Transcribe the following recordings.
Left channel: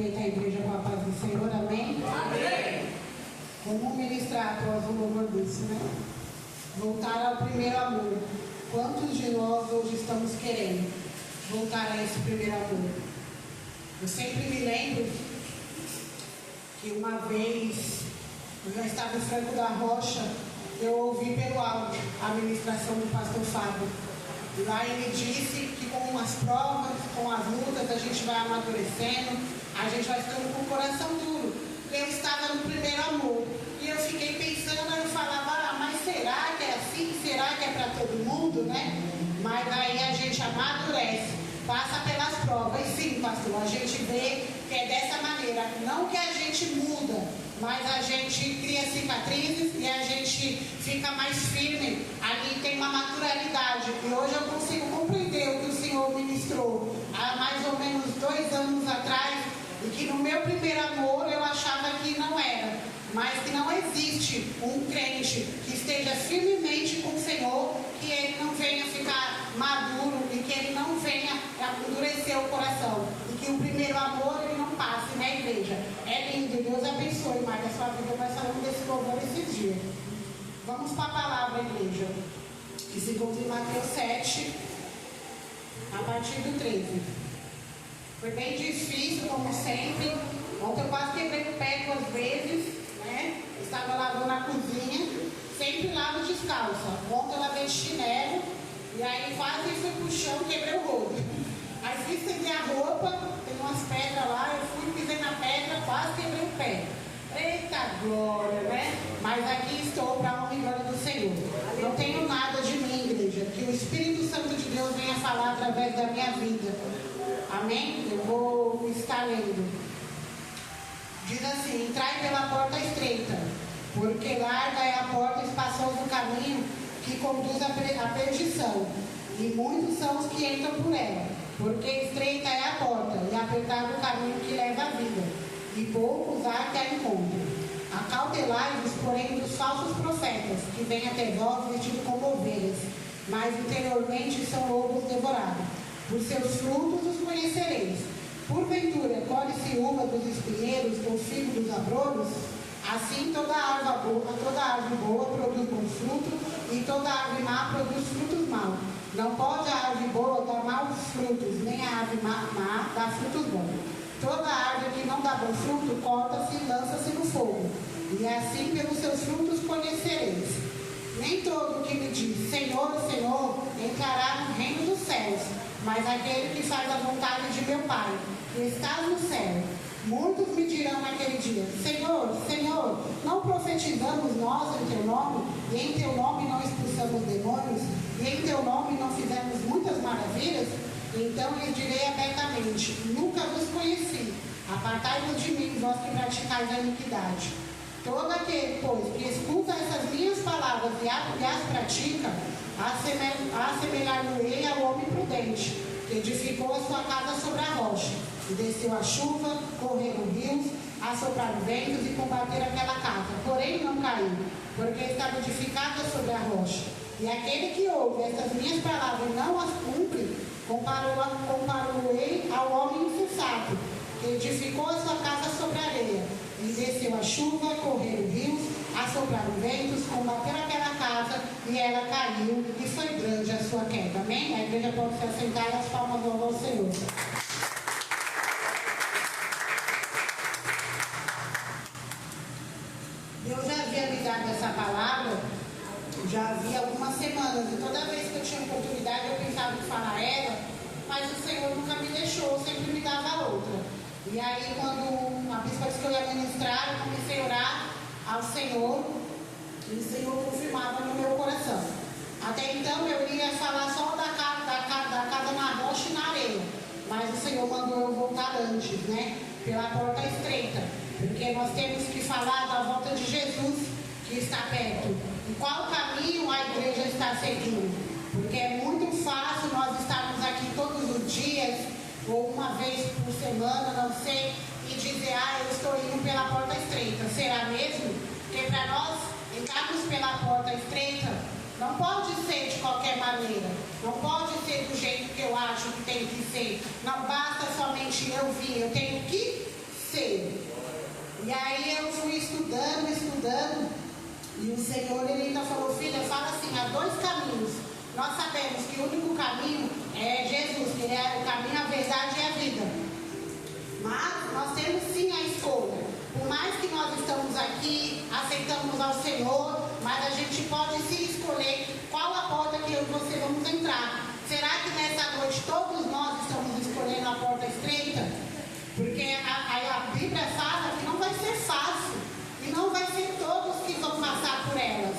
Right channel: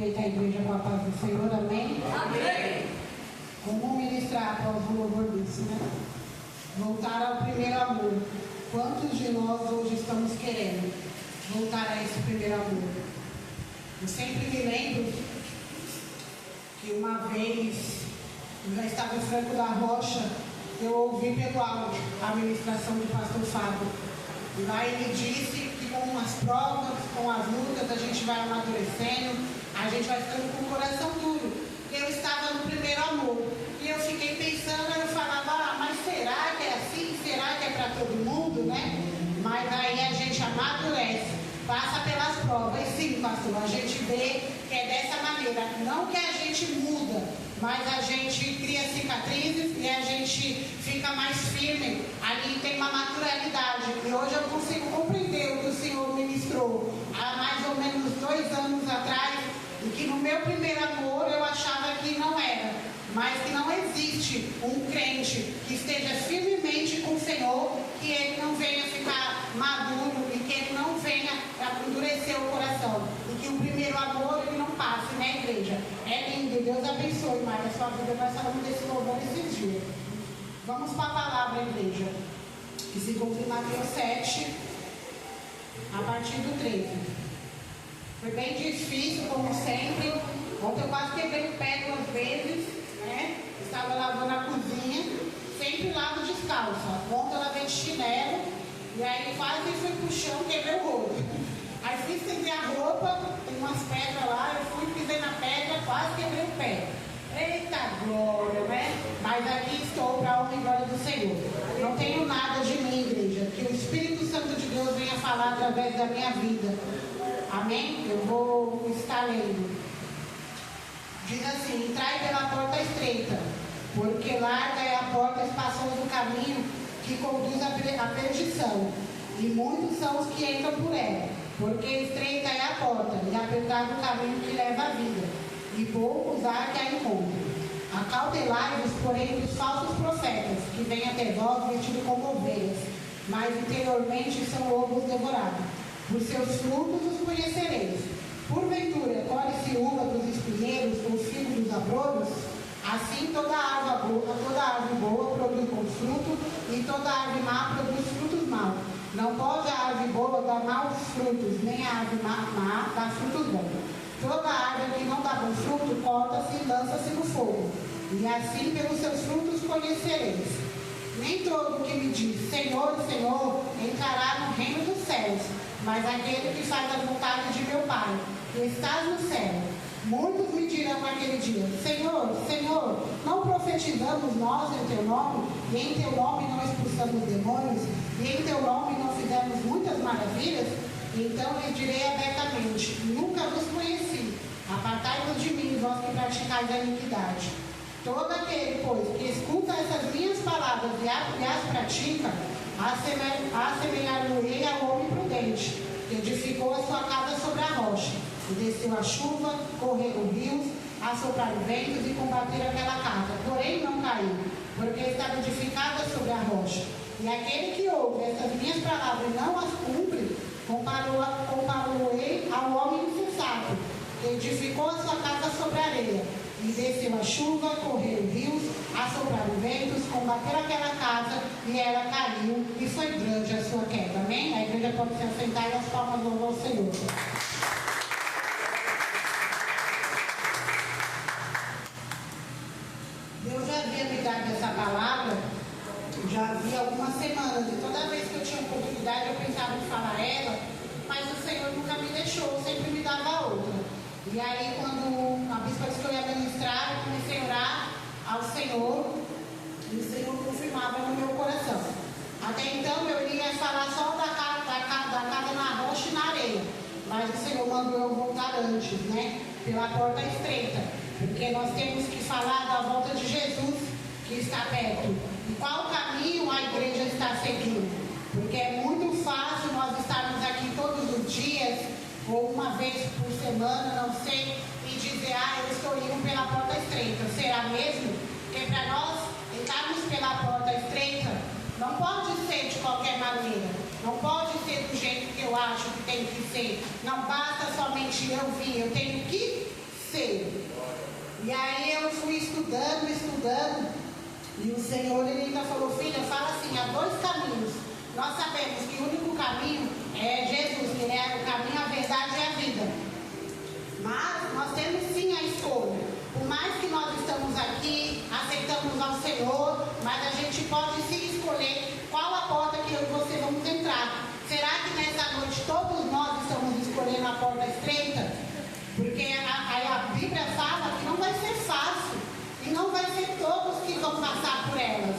Cumprimente a igreja com a paz do Senhor, amém? Amém. Vamos ministrar após o louvor disso, né? Voltar ao primeiro amor. Quantos de nós hoje estamos querendo voltar a esse primeiro amor? Eu sempre me lembro que uma vez, eu já estava em Franco da Rocha, eu ouvi pelo áudio a ministração do pastor Fábio. E lá ele disse que com as provas, com as lutas, a gente vai amadurecendo, a gente vai ficando com o coração duro. Eu estava no primeiro amor. E eu fiquei pensando, eu falava, mas será que é assim? Será que é para todo mundo, né? Mas aí a gente amadurece, passa pelas provas. E sim, pastor, a gente vê que é dessa maneira. Não que a gente muda, mas a gente cria cicatrizes e a gente fica mais firme. Ali tem uma naturalidade. E hoje eu consigo compreender o que o Senhor ministrou há mais ou menos 2 anos atrás. E que no meu primeiro amor eu achava que não era. Mas que não existe um crente que esteja firmemente com o Senhor, que ele não venha ficar maduro e que ele não venha endurecer o coração. E que o primeiro amor ele não passe, né, igreja? É lindo, Deus abençoe, Maria, a sua vida. Nós falamos desse louvor esses dias. Vamos para a palavra, igreja, que se encontra em Mateus 7, a partir do 13. Foi bem difícil, como sempre. Ontem eu quase quebrei o pé 2 vezes, né? Estava lavando a cozinha, sempre lavo descalço. Ontem eu lavei de chinelo, e aí quase fui pro chão, quebrei o rosto. Aí fui estender a roupa, tem umas pedras lá, eu fui, pisei na pedra, quase quebrei o pé. Eita glória, né? Mas aqui estou para a honra e glória do Senhor. Não tenho nada de mim, igreja. Que o Espírito Santo de Deus venha falar através da minha vida. Amém? Eu vou estar lendo. Diz assim: entrai pela porta estreita, porque larga é a porta espaçosa do caminho que conduz à perdição, e muitos são os que entram por ela. Porque estreita é a porta, e apertado o caminho que leva à vida, e poucos há que a encontrem. Acautelai-vos, porém, dos falsos profetas, que vêm até vós vestidos como ovelhas, mas interiormente são lobos devorados. Por seus frutos os conhecereis. Porventura, colhe-se uva dos espinheiros ou figo dos abrolhos? Assim toda árvore boa produz bons frutos, e toda árvore má produz frutos maus. Não pode a árvore boa dar maus frutos, nem a árvore má dar frutos bons. Toda árvore que não dá bom fruto, corta-se e lança-se no fogo. E assim pelos seus frutos conhecereis. Nem todo que me diz Senhor, Senhor, entrará no reino dos céus, mas aquele que faz a vontade de meu Pai, que está no céu. Muitos me dirão naquele dia: Senhor, Senhor, não profetizamos nós em teu nome, e em teu nome não expulsamos demônios, e em teu nome não fizemos muitas maravilhas? Então lhe direi abertamente: nunca vos conheci. Apartai-vos de mim, vós que praticais a iniquidade. Todo aquele, pois, que escuta essas minhas palavras e as pratica, assemelhar-me-ei ao homem prudente, que edificou a sua casa sobre a rocha. E desceu a chuva, correram rios, assopraram ventos e combateram aquela casa. Porém não caiu, porque estava edificada sobre a rocha. E aquele que ouve estas minhas palavras e não as cumpre, comparou-ei ao homem insensato, que edificou a sua casa sobre a areia. E desceu a chuva, correram rios, assopraram ventos, combateram aquela casa, e ela caiu, e foi grande a sua queda. Amém? A igreja pode se assentar e as palmas vão ao Senhor. Deus já havia me dado essa palavra, já havia algumas semanas, e toda vez que eu tinha oportunidade eu pensava em falar ela, mas o Senhor nunca me deixou, sempre me dava outra. E aí, quando a bispa disse que eu ia ministrar, eu comecei a orar ao Senhor, e o Senhor confirmava no meu coração. Até então eu ia falar só da casa na rocha e na areia, mas o Senhor mandou eu voltar antes, né? Pela porta estreita, porque nós temos que falar da volta de Jesus, que está perto. E qual caminho a igreja está seguindo? Porque é muito fácil nós estarmos aqui todos os dias, ou uma vez por semana, não sei, e dizer: eu estou indo pela porta estreita. Será mesmo? Porque para nós entrarmos pela porta estreita, não pode ser de qualquer maneira, não pode ser do jeito que eu acho que tem que ser. Não basta somente eu vir, eu tenho que cedo. E aí eu fui estudando, e o Senhor, ele ainda falou, filha, fala assim, há dois caminhos. Nós sabemos que o único caminho é Jesus, que é o caminho, a verdade e a vida. Mas nós temos sim a escolha. Por mais que nós estamos aqui, aceitamos ao Senhor, mas a gente pode sim escolher qual a porta que eu e você vamos entrar. Será que nessa noite todos nós estamos escolhendo a porta estreita? Porque a Bíblia fala que não vai ser fácil. E não vai ser todos que vão passar por ela.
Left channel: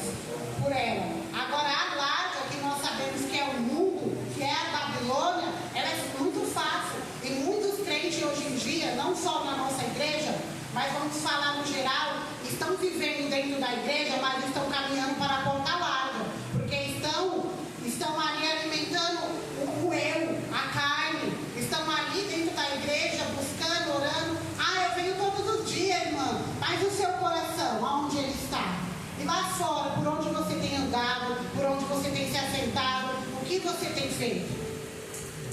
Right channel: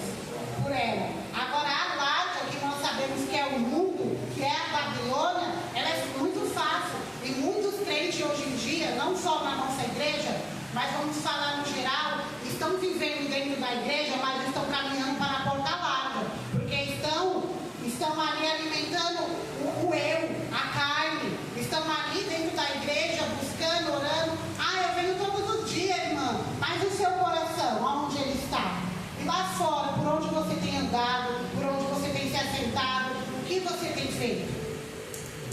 Agora a larga, que nós sabemos que é o mundo, que é a Babilônia, ela é muito fácil. E muitos crentes hoje em dia, não só na nossa igreja, mas vamos falar no geral, estão vivendo dentro da igreja, mas estão caminhando para a porta larga. Porque estão ali alimentando o eu, a carne. Estão ali dentro da igreja, buscando, orando. Eu venho todos os dias, irmã. Mas o seu coração, aonde ele está? E lá fora, por onde você tem andado, por onde você tem se assentado, o que você tem feito?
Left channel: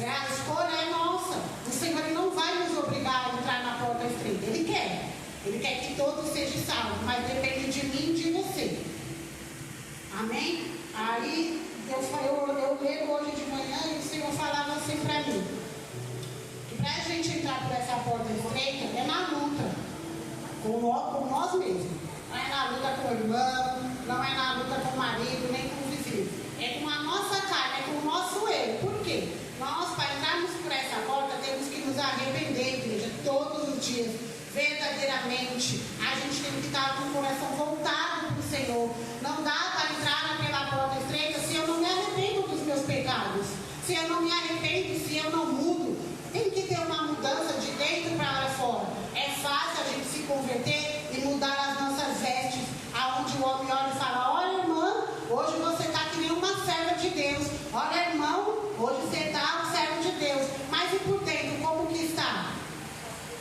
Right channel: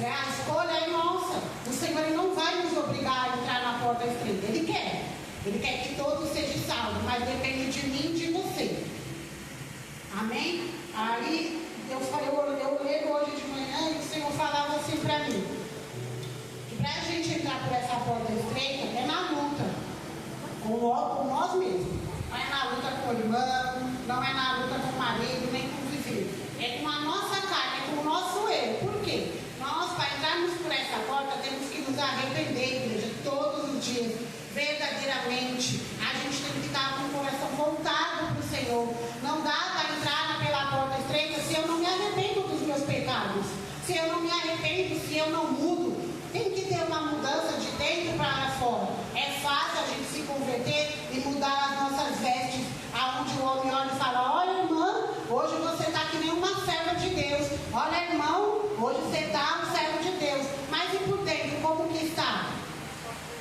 A escolha é nossa. O Senhor não vai nos obrigar a entrar na porta estreita. Ele quer que todos sejam salvos, mas depende de mim e de você. Amém? Aí eu leio hoje de manhã e o Senhor falava assim para mim, que para a gente entrar por essa porta estreita é na luta com nós mesmos. Não é na luta com o irmão, não é na luta com o marido, nem com o vizinho. É com a nossa carne, é com o nosso eu. Por quê? Nós, para entrarmos por essa porta, temos que nos arrepender, igreja, todos os dias, verdadeiramente. A gente tem que estar com o coração voltado para o Senhor. Não dá para entrar pela porta estreita se eu não me arrependo dos meus pecados. Se eu não me arrependo, se eu não mudo. Tem que ter uma mudança de dentro para fora. É fácil a gente se converter e mudar as nossas vestes, aonde o homem olha e fala, olha, irmã, hoje você está que nem uma serva de Deus. Olha, irmão, hoje você está um servo de Deus. Mas e por dentro, como que está?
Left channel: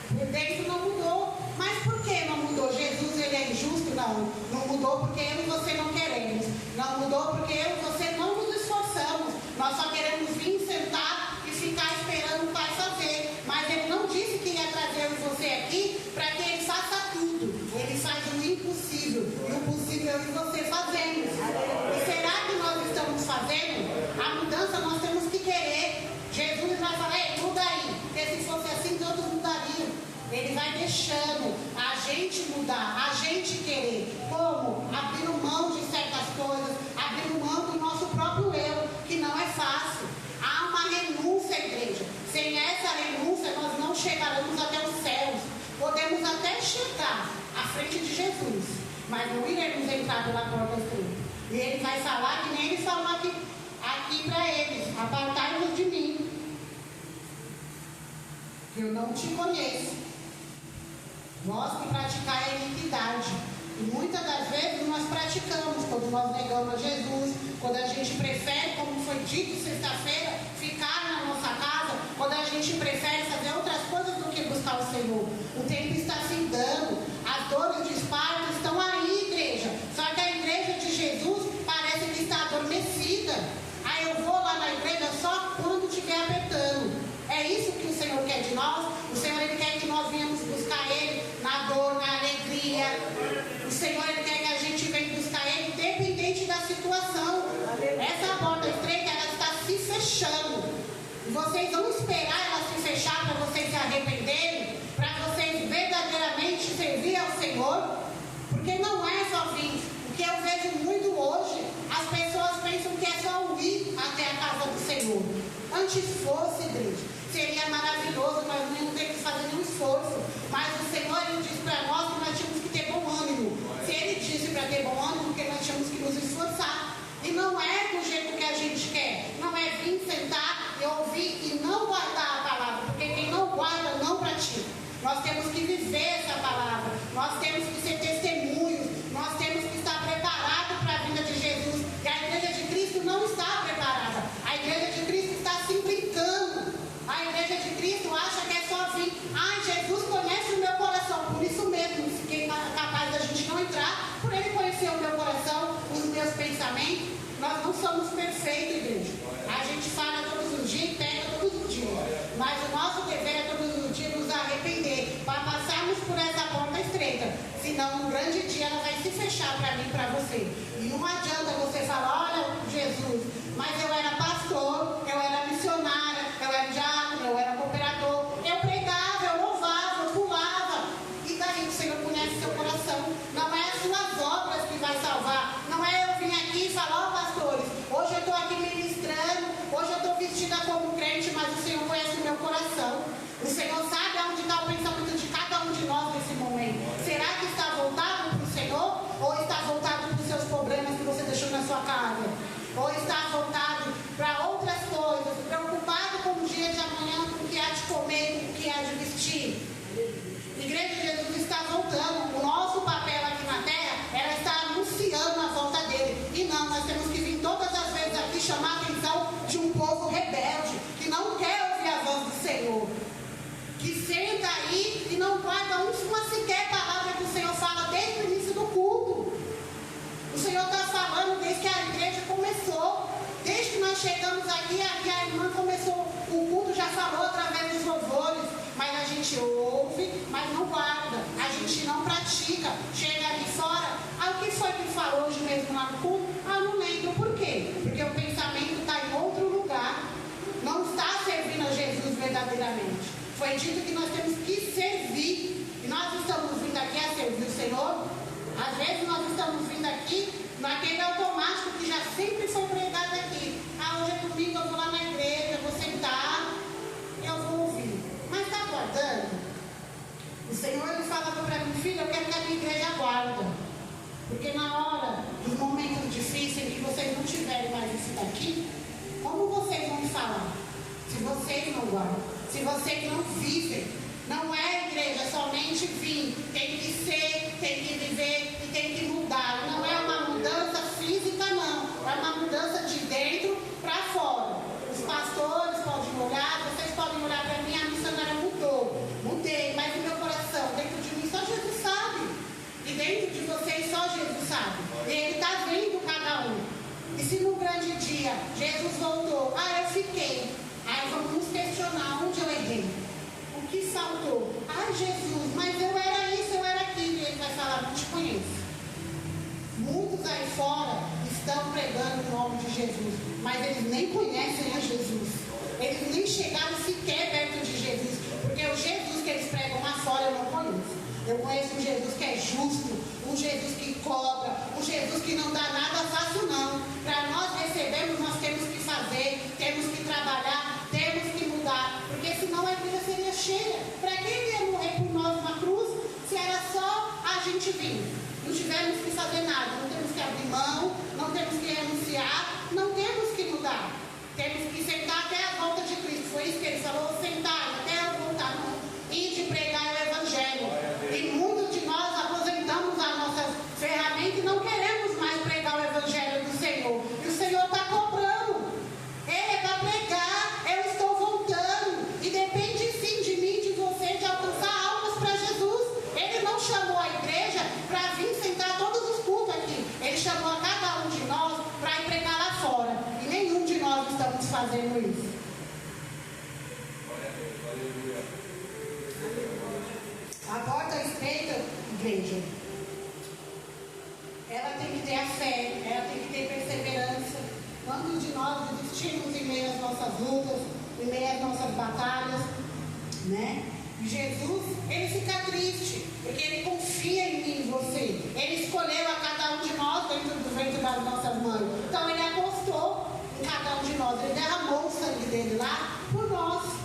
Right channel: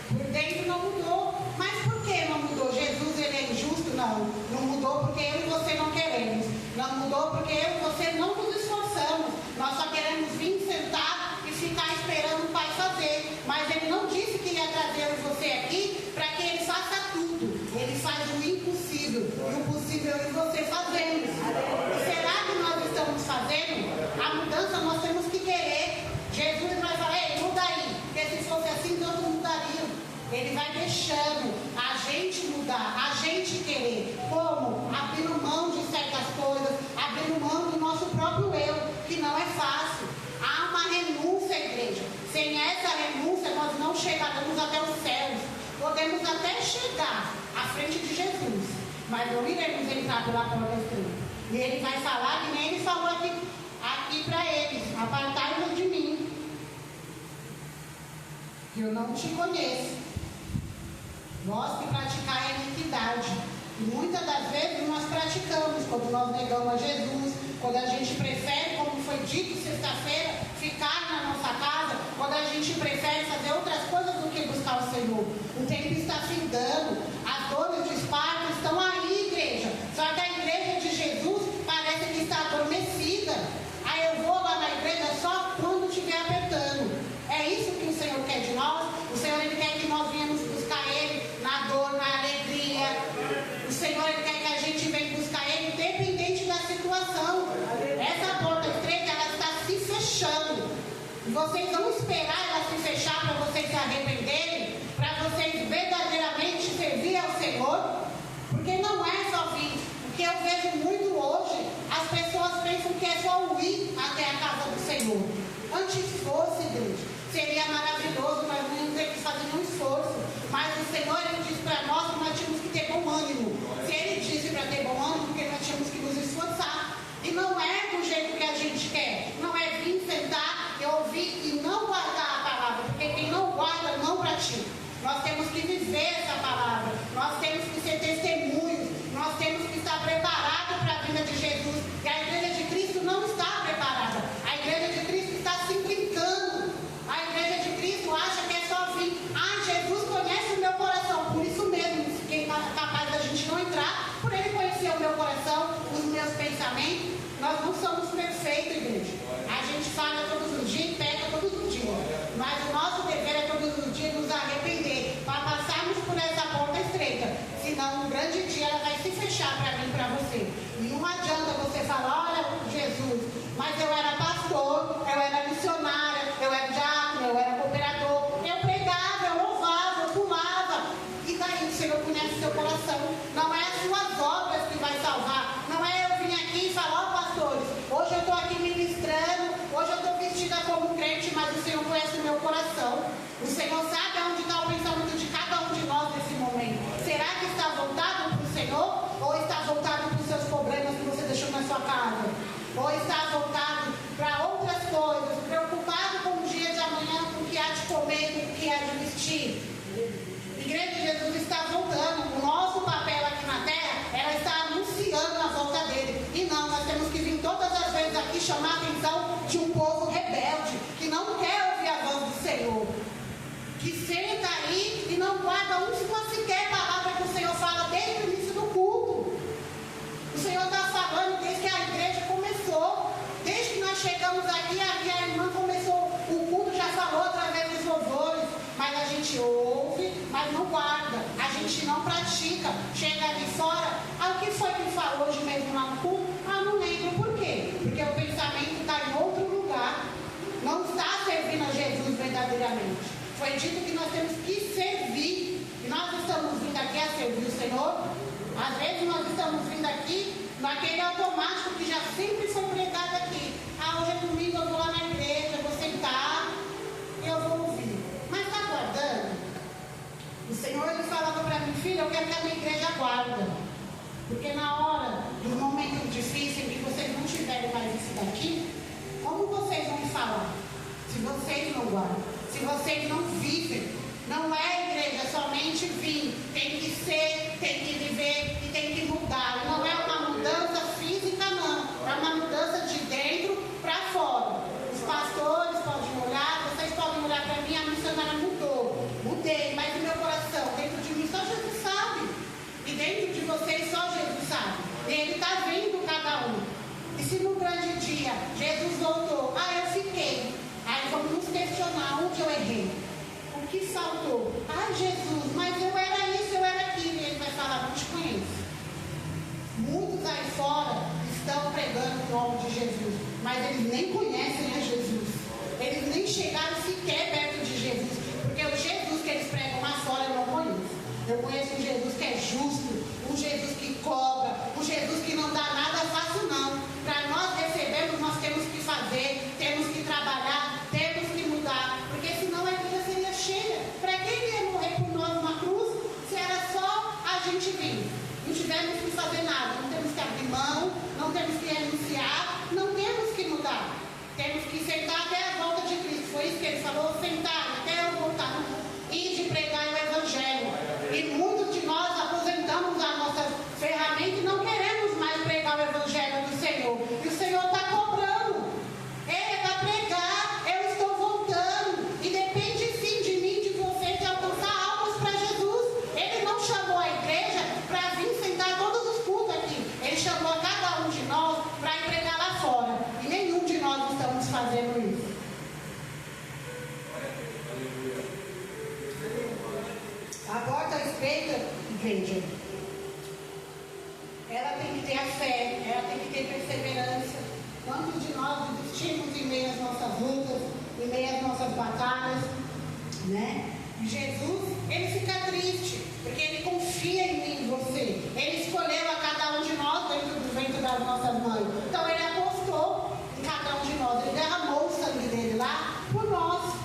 Por dentro não mudou. Mas por que não mudou? Jesus, ele é injusto? Não mudou porque eu e você não queremos. Não mudou porque eu e você não nos esforçamos. Nós só queremos vir sentar e ficar esperando o Pai fazer. Mas ele não disse que ia trazer você aqui para que ele faça tudo. Ele faz o impossível. E o possível é você fazendo. E será que nós estamos fazendo? A mudança nós temos que querer. Jesus vai falar, ei, muda aí. Porque se fosse assim, todos mudariam. Ele vai deixando a gente mudar, a gente querer. Como? Abrindo mão de certas coisas, abrindo mão do nosso próprio eu, que não é fácil. Há uma renúncia, igreja. Sem essa renúncia, nós não chegaremos até os céus. Podemos até chegar à frente de Jesus, mas não iremos entrar pela porta estreita. E ele vai falar que nem ele falou aqui para eles, apartai-vos de mim, que eu não te conheço. Vós que praticai a iniquidade. E muitas das vezes nós praticamos, quando nós negamos a Jesus, quando a gente prefere, como foi dito sexta-feira, ficar na nossa casa, quando a gente prefere fazer outras coisas do que buscar o Senhor. O tempo está findando, as dores de parto estão aí, igreja. Só que a igreja de Jesus parece que está adormecida. Aí eu vou lá na igreja só quando estiver apertando. É isso que o Senhor quer de nós. O Senhor, ele quer que nós venhamos buscar Ele na dor, na alegria. O Senhor, ele quer que a gente venha buscar Ele independente da situação. Essa porta estreita, ela está se fechando. E vocês vão esperar ela se fechar para vocês se arrependerem, para vocês verdadeiramente servir ao Senhor. Porque não é só vir. O que eu vejo muito hoje, as pessoas pensam que é só ir até a casa do Senhor. Antes fosse, igreja, seria maravilhoso, nós não íamos ter que fazer nenhum esforço. Mas o Senhor, ele disse para nós que nós tínhamos que ter bom ânimo. Se ele disse para ter bom ânimo, porque nós tínhamos que nos esforçar. E não é do jeito que a gente quer. Não é vir sentar e ouvir e não guardar a palavra. Porque quem não guarda, não pratica. Nós temos que viver essa palavra. Nós temos que ser testemunhos. Nós temos que estar preparados para a vinda de Jesus. E a igreja de Cristo não está preparada. A igreja de Cristo está se brincando. A igreja de Cristo acha que é só vir. Jesus conhece o meu coração. Por isso mesmo, fiquei capaz da gente não entrar. Por ele conhecer o meu coração, os meus pensamentos. Nós não somos perfeitos, igreja. A gente falha todos os dias e peca todos os dias. Mas o nosso dever é todos os dias nos arrepender. Para passarmos Então, um grande dia ela vai se fechar para mim, para você. E não adianta você falar, olha, Jesus, mas eu era pastor, eu era missionária, eu era diácono, eu era cooperador, eu pregava, eu louvava, eu pulava. E daí o Senhor conhece seu coração. Não é as suas obras que vai salvar. Não é eu vir aqui e falar, ó pastores, hoje eu estou aqui ministrando, hoje eu estou vestida como crente, mas o Senhor conhece o meu coração. O Senhor sabe aonde está o pensamento de cada um de nós nesse momento. Será que está voltado para o Senhor? Ou está voltado para os seus problemas que você deixou na sua casa? Ou está voltado para outras coisas, preocupado com o dia de amanhã, com o que há de comer, com o que há de vestir? Igreja de Jesus está voltando. O nosso papel aqui na terra era estar anunciando a volta dele. E não, nós temos que vir todas as vezes aqui chamar a atenção de um povo rebelde, que não quer ouvir a voz do Senhor, que senta aí e não guarda uma sequer palavra que o Senhor fala desde o início do culto. O Senhor está falando desde que a igreja começou, desde que nós chegamos aqui, a irmã começou, o culto já falou através dos louvores, mas a gente ouve, mas não guarda, a gente não pratica. Chega ali fora, o que foi que falou hoje mesmo lá no culto? Não lembro. Por quê? Porque o pensamento está em outro lugar, não está servindo a Jesus verdadeiramente. Foi dito que nós temos que servir, e nós estamos vindo aqui a servir o Senhor. Às vezes nós estamos vindo aqui naquele automático que já sempre foi pregado aqui. Hoje é domingo, eu vou lá na igreja, vou sentar, eu vou ouvir. Mas está guardando? O Senhor ele fala para mim, filho, eu quero que a minha igreja guarda. Porque na hora dos momentos difíceis em que vocês não tiverem mais isso daqui, como vocês vão me falar? Se vocês não guardam, se vocês não vivem. Não é, igreja, somente vir. Tem que ser, tem que viver e tem que mudar. Não é uma mudança física, não. É uma mudança de dentro para fora. Os pastores podem orar, vocês podem orar para mim, a missionária mudou. Mudei, mas o meu coração, dentro de mim, só Jesus sabe. E dentro de vocês, só Jesus sabe. Ele está vendo cada um. E se no grande dia Jesus voltou, eu fiquei. Aí vamos nos questionar onde eu errei. O que faltou? Jesus, mas eu era isso, eu era aquilo. E ele vai falar, não te conheço. Muitos aí fora estão pregando o nome de Jesus, mas eles nem conhecem a Jesus. Eles nem chegaram sequer perto de Jesus. Porque o Jesus que eles pregam lá fora eu não conheço. Eu conheço um Jesus que é justo, um Jesus que cobra, um Jesus que não dá nada fácil não. Para nós recebermos, nós temos que fazer, temos que trabalhar, temos que mudar, porque senão a igreja seria cheia. Para que ele ia morrer por nós numa cruz, se era só a gente vir? Não tivemos que fazer nada, não temos que abrir mão, não temos que renunciar, não temos que mudar. Temos que sentar até a volta de Cristo. Foi isso que ele falou, sentar até eu voltar. E de pregar o Evangelho. E muitos de nós aposentamos a nossa ferramenta e não queremos mais pregar o Evangelho do Senhor. E o Senhor está cobrando. Ele é para pregar, eu estou voltando. E depende sim de mim, de você, de alcançar almas para Jesus. Ele não chamou a igreja para vir sentar todos os cultos aqui. Ele chamou a cada um de nós para ir pregar lá fora. E nenhum de nós estamos fazendo isso. A porta estreita, igreja, ela tem que ter a fé, ela tem que ter perseverança. Quantos de nós desistimos em meio às nossas lutas, em meio às nossas batalhas, né? Jesus, ele fica triste, porque ele confia em mim, em você. Ele escolheu a cada um de nós dentro do ventre das nossas mães. Então ele apostou em cada um de nós. Ele derramou o sangue dele lá por nós.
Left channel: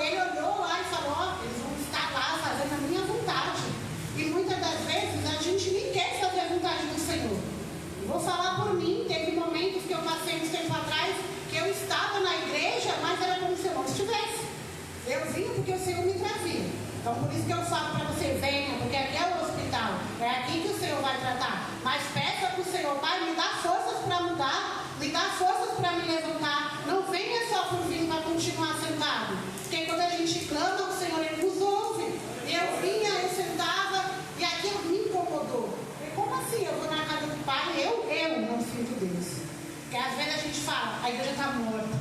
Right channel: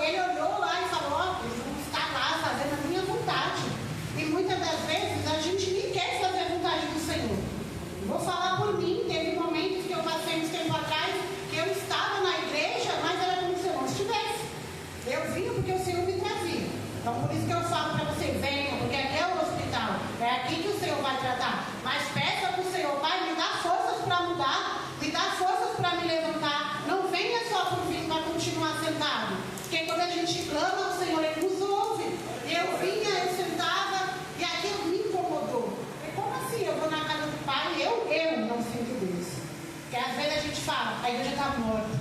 Ele olhou lá e falou, eles vão estar lá fazendo a minha vontade. E muitas das vezes a gente nem quer fazer a vontade do Senhor. Vou falar por mim, teve momentos que eu passei uns tempo atrás, que eu estava na igreja, mas era como se eu não estivesse. Eu vinha porque o Senhor me trazia. Então por isso que eu falo para você, venha, porque aqui é o hospital. É aqui que o Senhor vai tratar. Mas peça para o Senhor, Pai, me dá forças para mudar, me dá forças para me levantar. Não venha só por vir para continuar sentado. Porque quando a gente clama ao Senhor, Ele nos ouve. Eu vinha, eu sentava, e aquilo me incomodou. E como assim? Eu vou na casa do Pai, eu não sinto Deus. Porque às vezes a gente fala, a igreja está morta.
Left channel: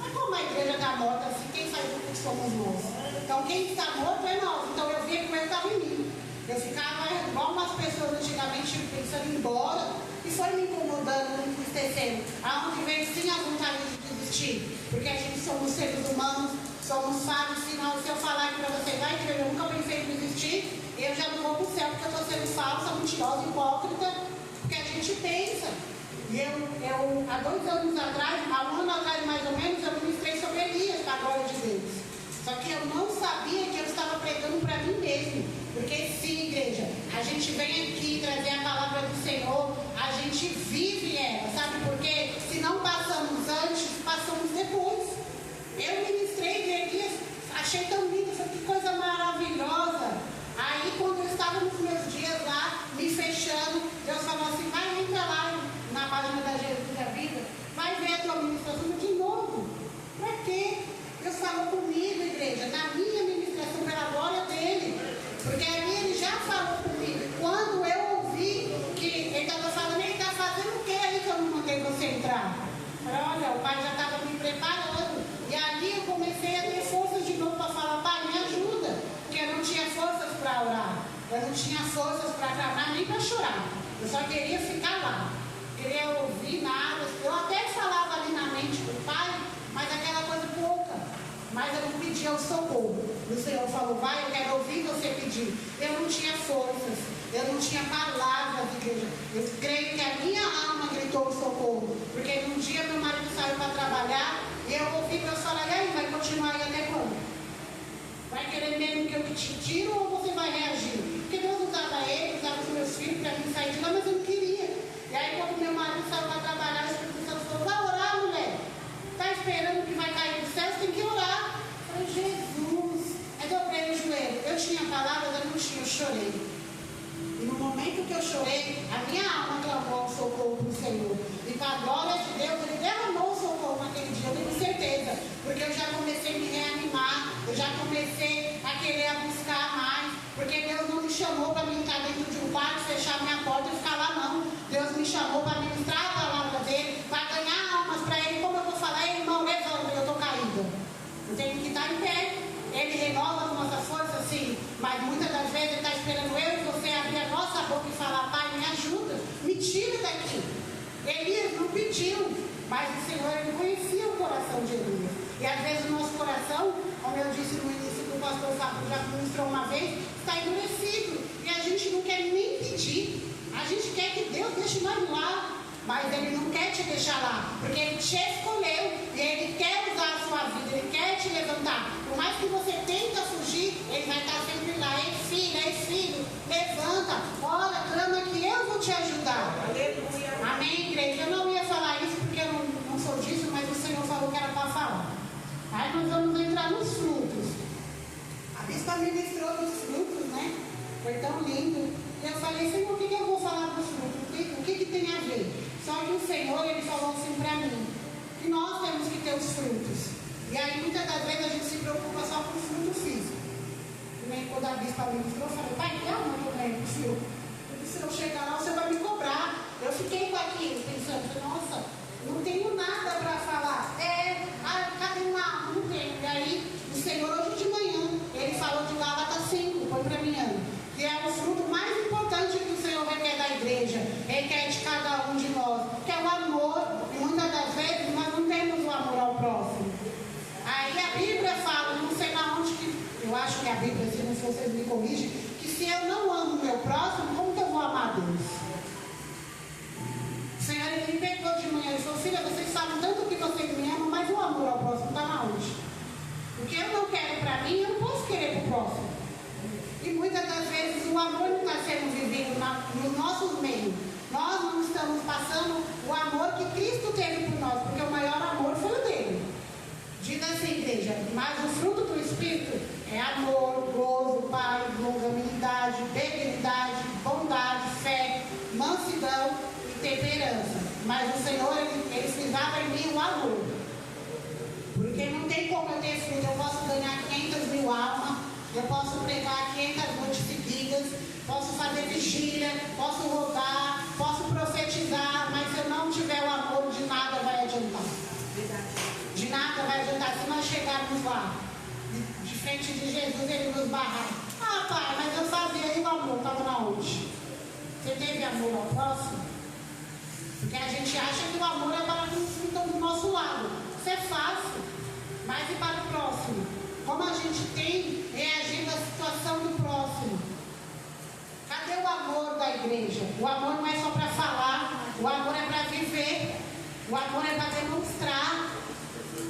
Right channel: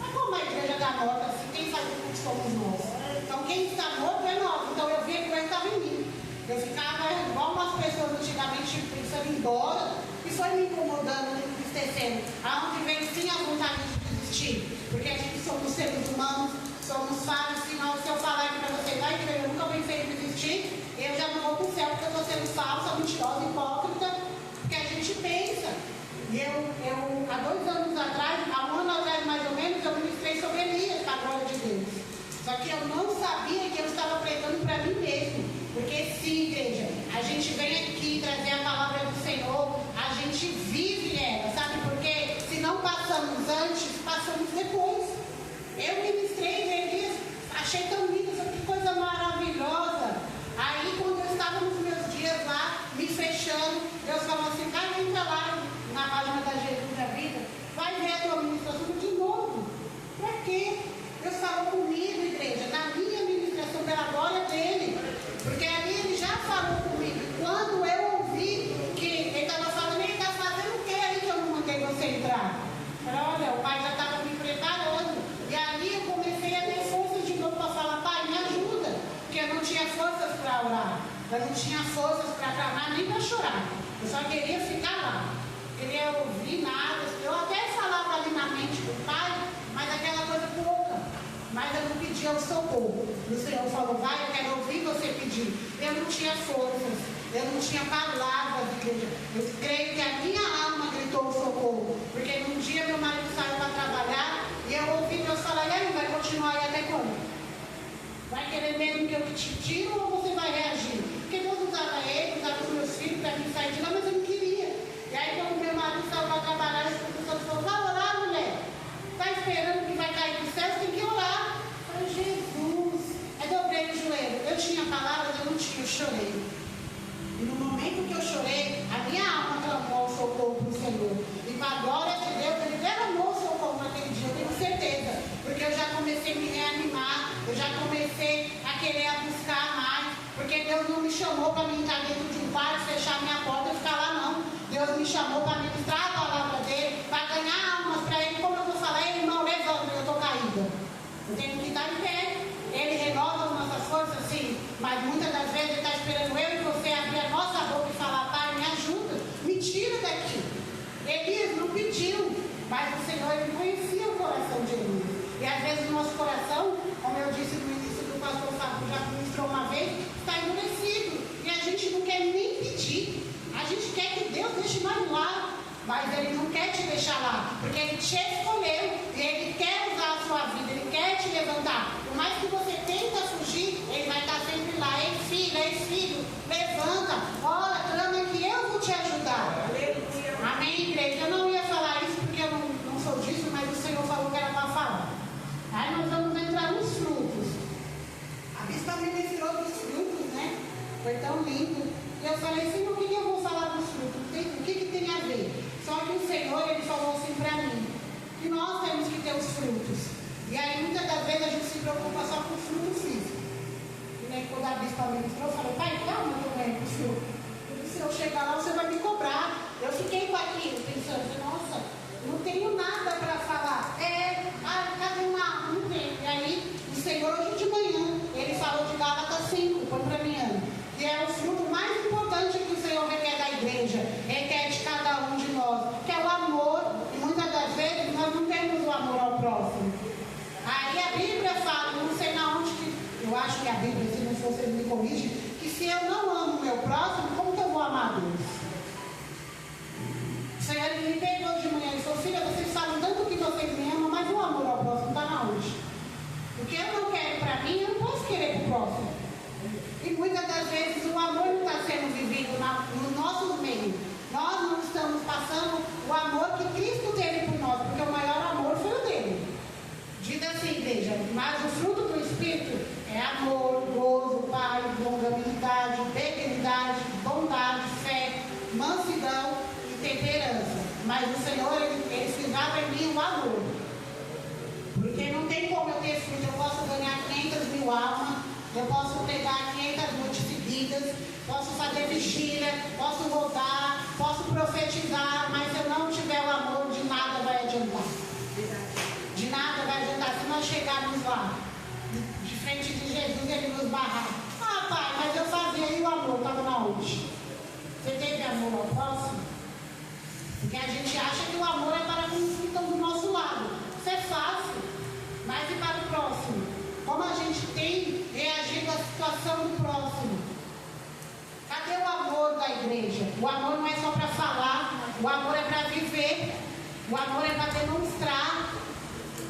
Mas como a igreja está morta, assim, quem faz o que somos nós? Então quem está morto é nós. Então eu via que Ele estava em mim. Eu ficava igual umas pessoas antigamente pensando em ir embora e foi me incomodando, me entristecendo. Aonde vem sim a vontade de desistir, porque a gente somos seres humanos, somos falhos. Se eu falar aqui para vocês, vai que eu nunca me fez desistir, eu já não vou para o céu porque eu estou sendo falsa, mentirosa, hipócrita, porque a gente pensa. E eu há 2 anos atrás, há 1 ano atrás mais ou menos, eu ministrei sobre Elias, para a glória de Deus. Só que eu não sabia que eu estava pregando para mim mesmo. Porque sim, igreja, a gente vem aqui trazer a palavra do Senhor, a gente vive ela, sabe? Porque se não passamos antes, passamos depois. Eu ministrei de Elias, achei tão lindo, que coisa maravilhosa. Aí quando eu estava nos meus dias lá, me fechando, Deus falou assim, vai entrar lá na página da Jesus da Vida, vai ver a tua ministração de novo. Para quê? Deus falou comigo, igreja, na minha ministração pela glória dele. Porque ali ele já falou comigo. Quando eu ouvi que ele estava falando, ele está fazendo o que aí que eu não mandei você entrar? Eu falei, olha, o pai já estava me preparando. E ali eu comecei a ter forças de novo para falar, pai, me ajuda. Porque eu não tinha forças para orar. Eu não tinha forças para clamar nem para chorar. Eu só queria ficar lá. Queria ouvir nada. Eu até falava ali na mente com o pai, mas aquela coisa pouca. Mas eu não pedia o socorro. O Senhor falou, vai, eu quero ouvir você pedir. Eu não tinha forças, eu não tinha palavras, igreja. Eu creio que a minha alma gritou o socorro. Porque num dia meu marido saiu para trabalhar e eu ouvi Deus falar, e aí, vai continuar aí até quando? Vai querer mesmo que eu te tiro ou você vai reagir? Porque Deus usava ele, usava os meus filhos para mim sair de lá, mas eu não queria. E aí quando meu marido saiu para trabalhar, a Espírito falou, vai orar, mulher. Está esperando que vai cair do céu, você tem que orar. Eu falei, Jesus. Aí dobrei o joelho. Eu tinha palavras, eu não tinha, eu chorei. E no momento que eu chorei, a minha alma clamou o socorro para o Senhor. E para a glória de Deus, ele derramou o socorro naquele dia, eu tenho certeza. Porque eu já comecei a me reanimar, eu já comecei a querer buscar mais. Porque Deus não me chamou para me entrar dentro de um quarto, fechar minha porta e ficar lá, não. Deus me chamou para ministrar a palavra dele, para ganhar almas para ele. Como eu vou falar, ele, irmão, levanta, eu estou caída. Eu tenho que estar em pé. Ele renova as nossas forças, sim. Mas muitas das vezes ele está esperando eu e você abrir a nossa boca e falar, pai, me ajuda, me tira daqui. Elias não pediu, mas o Senhor, ele conhecia o coração de Elias. E às vezes o nosso coração, como eu disse no início do pastor Sabu, já ministrou uma vez, está endurecido. E a gente não quer nem pedir. A gente quer que Deus deixe nós lá. Mas ele não quer te deixar lá, porque ele te escolheu e ele quer usar a sua vida, ele quer te levantar. Por mais que você tenta fugir, ele vai estar sempre lá. Ei filho, levanta, ora, clama que eu vou te ajudar. Amém, igreja? Eu não ia falar isso porque eu não sou disso, mas o Senhor falou que era para falar. Aí nós vamos entrar nos frutos. A bispa ministrou dos frutos, né? Foi tão lindo. E eu falei, Senhor, o que eu vou falar dos frutos? O que tem a ver? Só que o Senhor, ele falou assim para mim, que nós temos que ter os frutos. E aí, muitas das vezes, a gente se preocupa só com o fruto físico. E nem quando a bispa ministrou, eu falei, pai, calma que eu ganho pro senhor. Se eu chegar lá, você vai me cobrar. Eu fiquei com aquilo, pensando, nossa, não tenho nada para falar. Cadê uma alma? Não tenho. E aí, o Senhor, hoje de manhã, ele falou de Gálatas 5, foi para mim, que é o fruto mais importante que o Senhor requer da igreja, requer de cada um de nós, que é o amor. E muitas das vezes nós não temos o amor ao próximo. Aí a Bíblia fala, não sei na onde que, eu acho que a Bíblia, se não for, vocês me corrigem, que se eu não amo o meu próximo, como que eu vou amar Deus? O Senhor, ele me pegou de manhã e falou, filha, vocês falam tanto que vocês me amam, mas o amor ao próximo está na onde? O que eu não quero para mim, eu não posso querer para o próximo. E muitas das vezes o amor não está sendo vivido no nosso meio. Nós não estamos passando o amor que Cristo teve por nós, porque o maior amor foi o dele. Diz assim, igreja, mas o fruto do Espírito é amor, gozo, paz, longanimidade, benignidade, bondade, fé, mansidão e temperança. Mas o Senhor, ele cisava em mim o amor. Porque não tem como eu ter fruto. Eu posso ganhar 500 mil almas, eu posso pegar 500 noites seguidas, posso fazer vigília, posso roubar, posso profetizar, mas se eu não tiver o amor, de nada vai adiantar. De nada vai adiantar. Se nós chegarmos lá, de frente de Jesus, ele nos barrar. Ah, pai, mas eu fazia, e o amor amor estava onde? Você teve amor ao próximo? Porque a gente acha que o amor é para aqueles que estão do nosso lado. Isso é fácil. Mas e para o próximo? Como a gente tem reagido à situação do próximo? Cadê o amor da igreja? O amor não é só para falar, o amor é para viver, o amor é para demonstrar.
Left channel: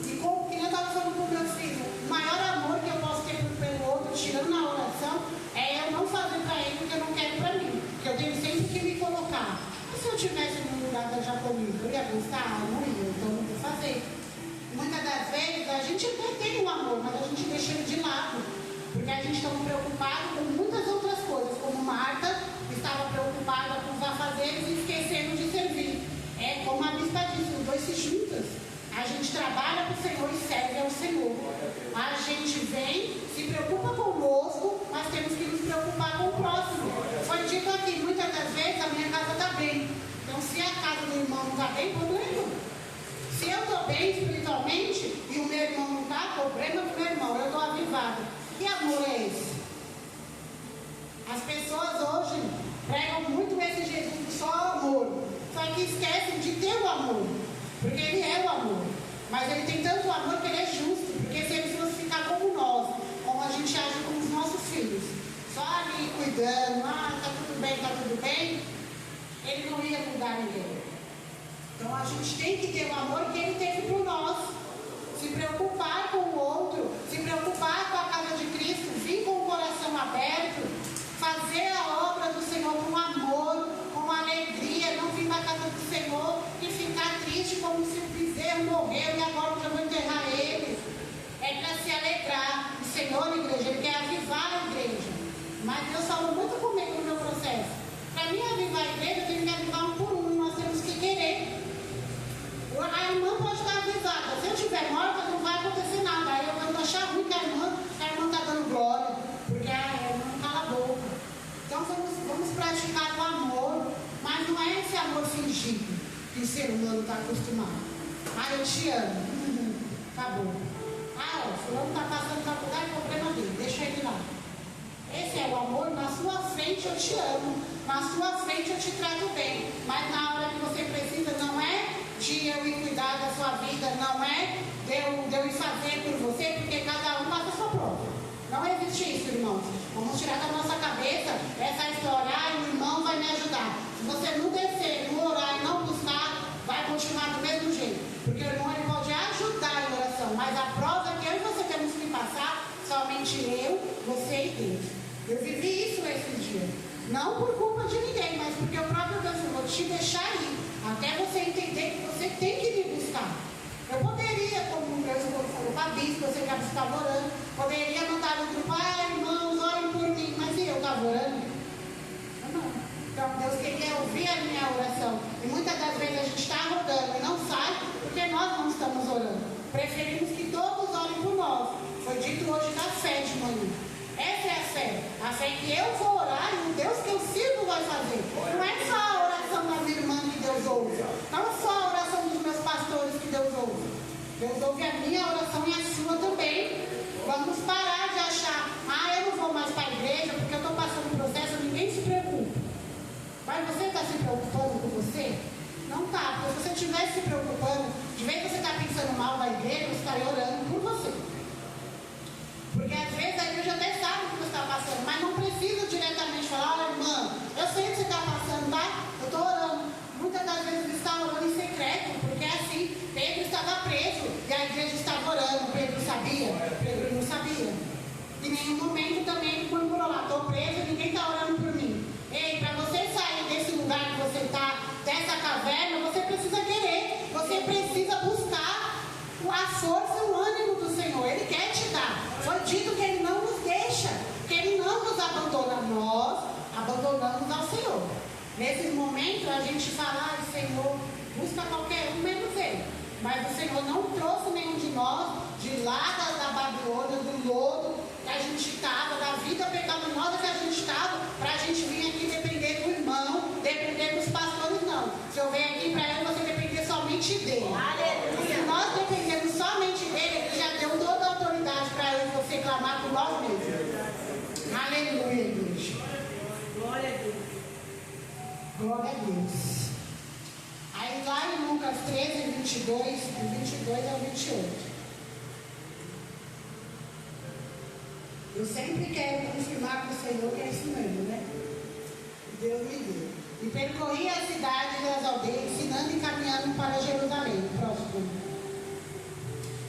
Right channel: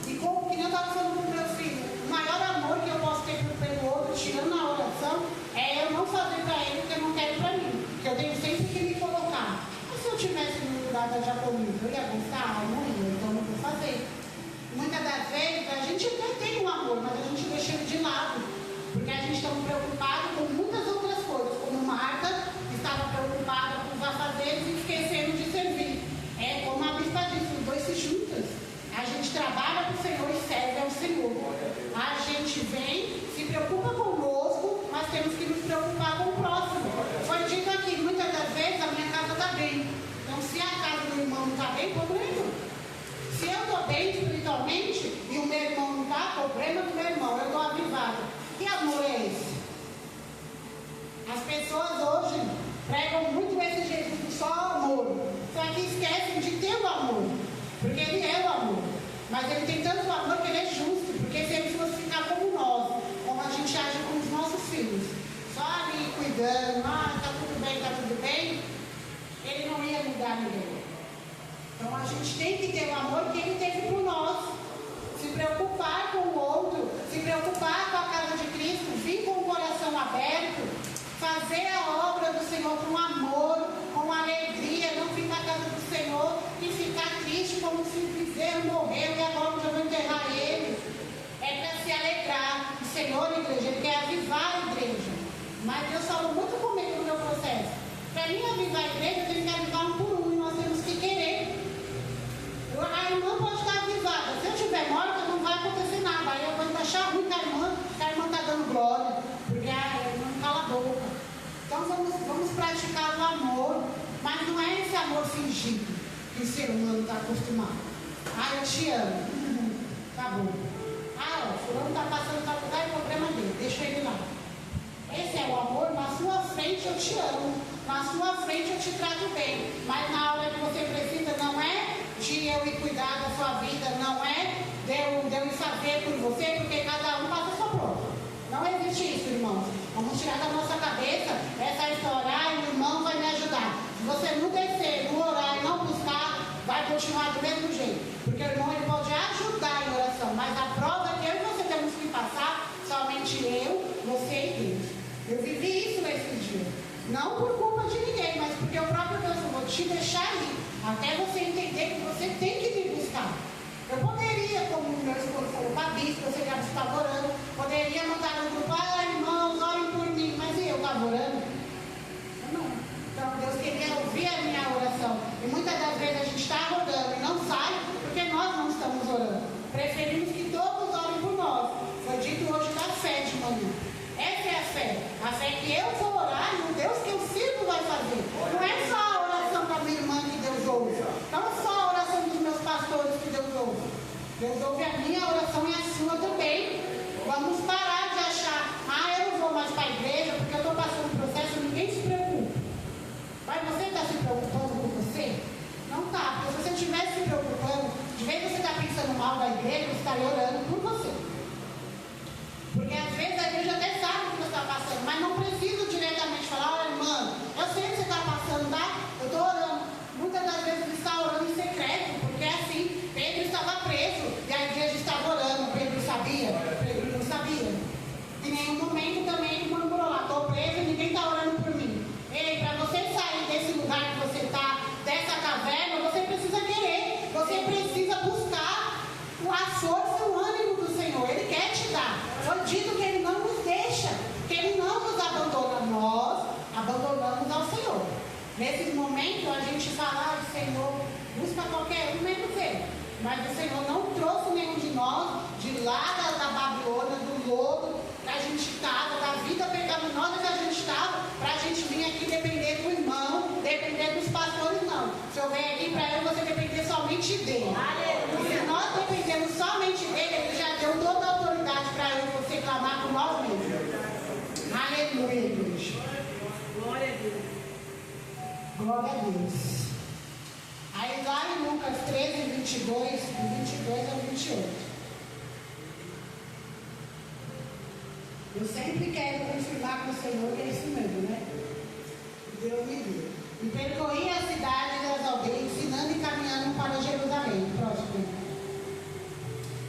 E como que eu estava falando com o meu filho, o maior amor que eu posso ter pelo outro, tirando na oração, é eu não fazer para ele o que eu não quero para mim. Que eu tenho sempre que me colocar. Mas se eu tivesse no lugar da Jacomina, eu ia gostar? Não ia, então eu não vou fazer. Muitas das vezes a gente até tem um amor, mas a gente deixa ele de lado. Porque a gente está preocupado com muitas outras coisas, como Marta estava preocupada com os afazeres e esquecendo de servir. É como a bispa disse, os dois se juntam. A gente trabalha para o Senhor e serve ao Senhor. A gente vem, se preocupa conosco, mas temos que nos preocupar com o próximo. Foi dito aqui, muitas das vezes a minha casa está bem. Então se a casa do irmão não está bem, problema. Se eu estou bem espiritualmente e o meu irmão não está, problema do meu irmão, eu estou avivada. Que amor é esse? As pessoas hoje pregam muito esse Jesus do só amor, só que esquecem de ter o amor, porque ele é o amor, mas ele tem tanto amor que ele é justo, porque se ele fosse ficar como nós, como a gente age com os nossos filhos, só ali cuidando, tá tudo bem, ele não ia mudar ninguém. Então a gente tem que ter o amor que ele teve por nós. Se preocupar com o outro, se preocupar com a casa de Cristo, vir com o coração aberto, fazer a obra do Senhor com amor, com alegria, não vir na casa do Senhor e ficar triste como se o bezerro morreu e agora eu vou enterrar ele. É para se alegrar. O Senhor, igreja, ele quer avivar a igreja. Mas Deus falou muito comigo no meu processo. Para mim avivar a igreja, ele quer avivar um por um, nós temos que querer. A irmã pode estar avisada. Se eu estiver morta, não vai acontecer nada. Aí eu vou achar ruim que a irmã está dando glória, porque a irmã cala a boca. Então vamos praticar o amor, mas não é esse amor fingido que o ser humano está acostumado. Eu te amo. Acabou. O fulano está passando para lugar, é problema dele, deixa ele lá. Esse é o amor, na sua frente eu te amo, na sua frente eu te trato bem, mas na hora que você precisa, não é de eu ir cuidar da sua vida, não é de eu ir fazer por você, porque cada um passa a sua prova. Não existe isso, irmãos. Vamos tirar da nossa cabeça essa história, o irmão vai me ajudar. Se você não descer, não orar e não buscar, vai continuar do mesmo jeito. Porque o irmão ele pode ajudar em oração, mas a prova que eu e você temos que passar, somente eu, você e Deus. Eu vivi isso nesses dias. Não por culpa de ninguém, mas porque o próprio Deus falou, te deixar ir. Até você entender que você tem que me buscar. Eu poderia, como o meu esposo falou para a bispa, eu sei que a bispa estava orando, poderia mandar no grupo, irmãos, orem por mim, mas e eu estava orando? Não. Então Deus queria ouvir a minha oração. E muitas das vezes a gente está rodando e não sai, porque nós não estamos orando. Preferimos que todos orem por nós. Foi dito hoje da fé de manhã. Essa é a fé. A fé que eu vou orar e o Deus que eu sirvo vai fazer. Não é só a oração da minha irmã que Deus ouve. Não é só a oração dos meus pastores que Deus ouve. Deus ouve a minha oração e a sua também. Vamos parar de achar, eu não vou mais para a igreja porque eu estou passando um processo, ninguém se preocupa. Mas você está se preocupando com você? Não está. Porque se você estivesse se preocupando, de vez que você está pensando mal da igreja, você estaria orando por você. Porque às vezes a igreja até sabe o que você está passando, mas não precisa diretamente falar, irmã, eu sei o que você está passando, tá? Eu estou orando. Muitas das vezes ele está orando em secreto, porque assim, Pedro estava preso e a igreja estava orando. Pedro sabia? Pedro não sabia. Em nenhum momento também ele murmurou lá, estou preso e ninguém está orando por mim. Ei, para você sair desse lugar que você está, dessa caverna, você precisa querer, você precisa buscar a força e o ânimo do Senhor. Ele quer te dar. Foi dito que ele não nos deixa, que ele não nos abandona. Nós abandonamos ao Senhor. Nesses momentos a gente fala, Senhor, busca qualquer um, menos ele. Mas o Senhor não trouxe nenhum de nós de lá da Babilônia, do lodo que a gente estava, da vida pecaminosa que a gente estava, Glória a Deus. Aí lá em Lucas 13, 22, do 22 ao 28. Eu sempre quero confirmar com o Senhor que é isso mesmo, né? Deus me deu. E percorria a cidade e as aldeias, ensinando e caminhando para Jerusalém. Próximo.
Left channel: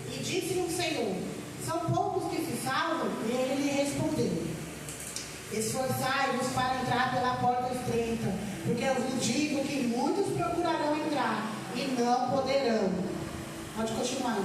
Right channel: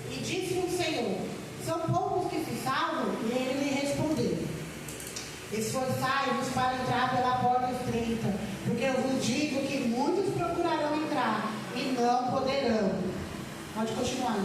E disse o Senhor: são poucos que se salvam? E ele lhe respondeu: esforçai-vos para entrar pela porta estreita, porque eu vos digo que muitos procurarão entrar e não poderão. Pode continuar.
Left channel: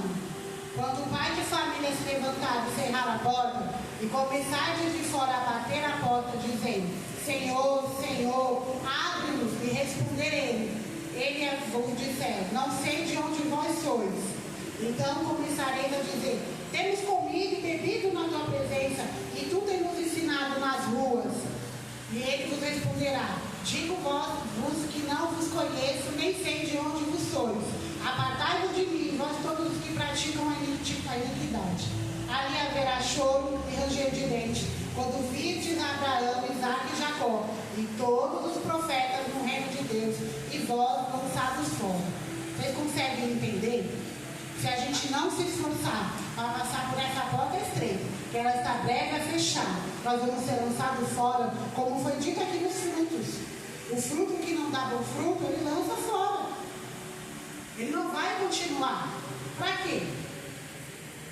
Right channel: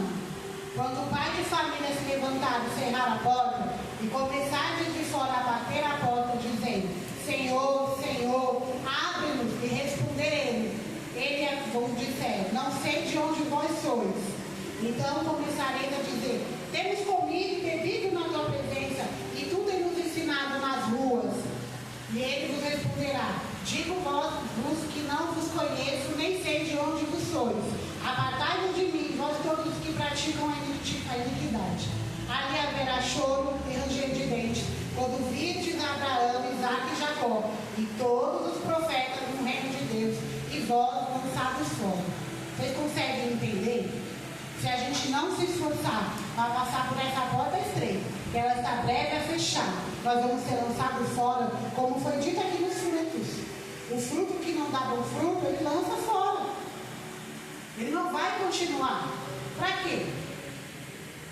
Quando o pai de família se levantar e cerrar a porta, e começar de fora a bater na porta, dizendo: Senhor, Senhor, abre-nos, e responderei. Ele vos disser: não sei de onde vós sois. Então começareis a dizer: temos comido e bebido na tua presença, e tu temos ensinado nas ruas. E ele vos responderá: digo-vos que não vos conheço, nem sei de onde vos sois. Apartai-vos de mim, vós todos os que praticam a iniquidade. Ali haverá choro e ranger de dentes, quando virdes Abraão, Isaque e Jacó, e todos os profetas no reino de Deus, e vós lançados fora. Vocês conseguem entender? Se a gente não se esforçar para passar por essa porta estreita, que ela está breve a fechar, nós vamos ser lançados fora, como foi dito aqui nos frutos. O fruto que não dá bom fruto, ele lança fora. Ele não vai continuar. Para quê?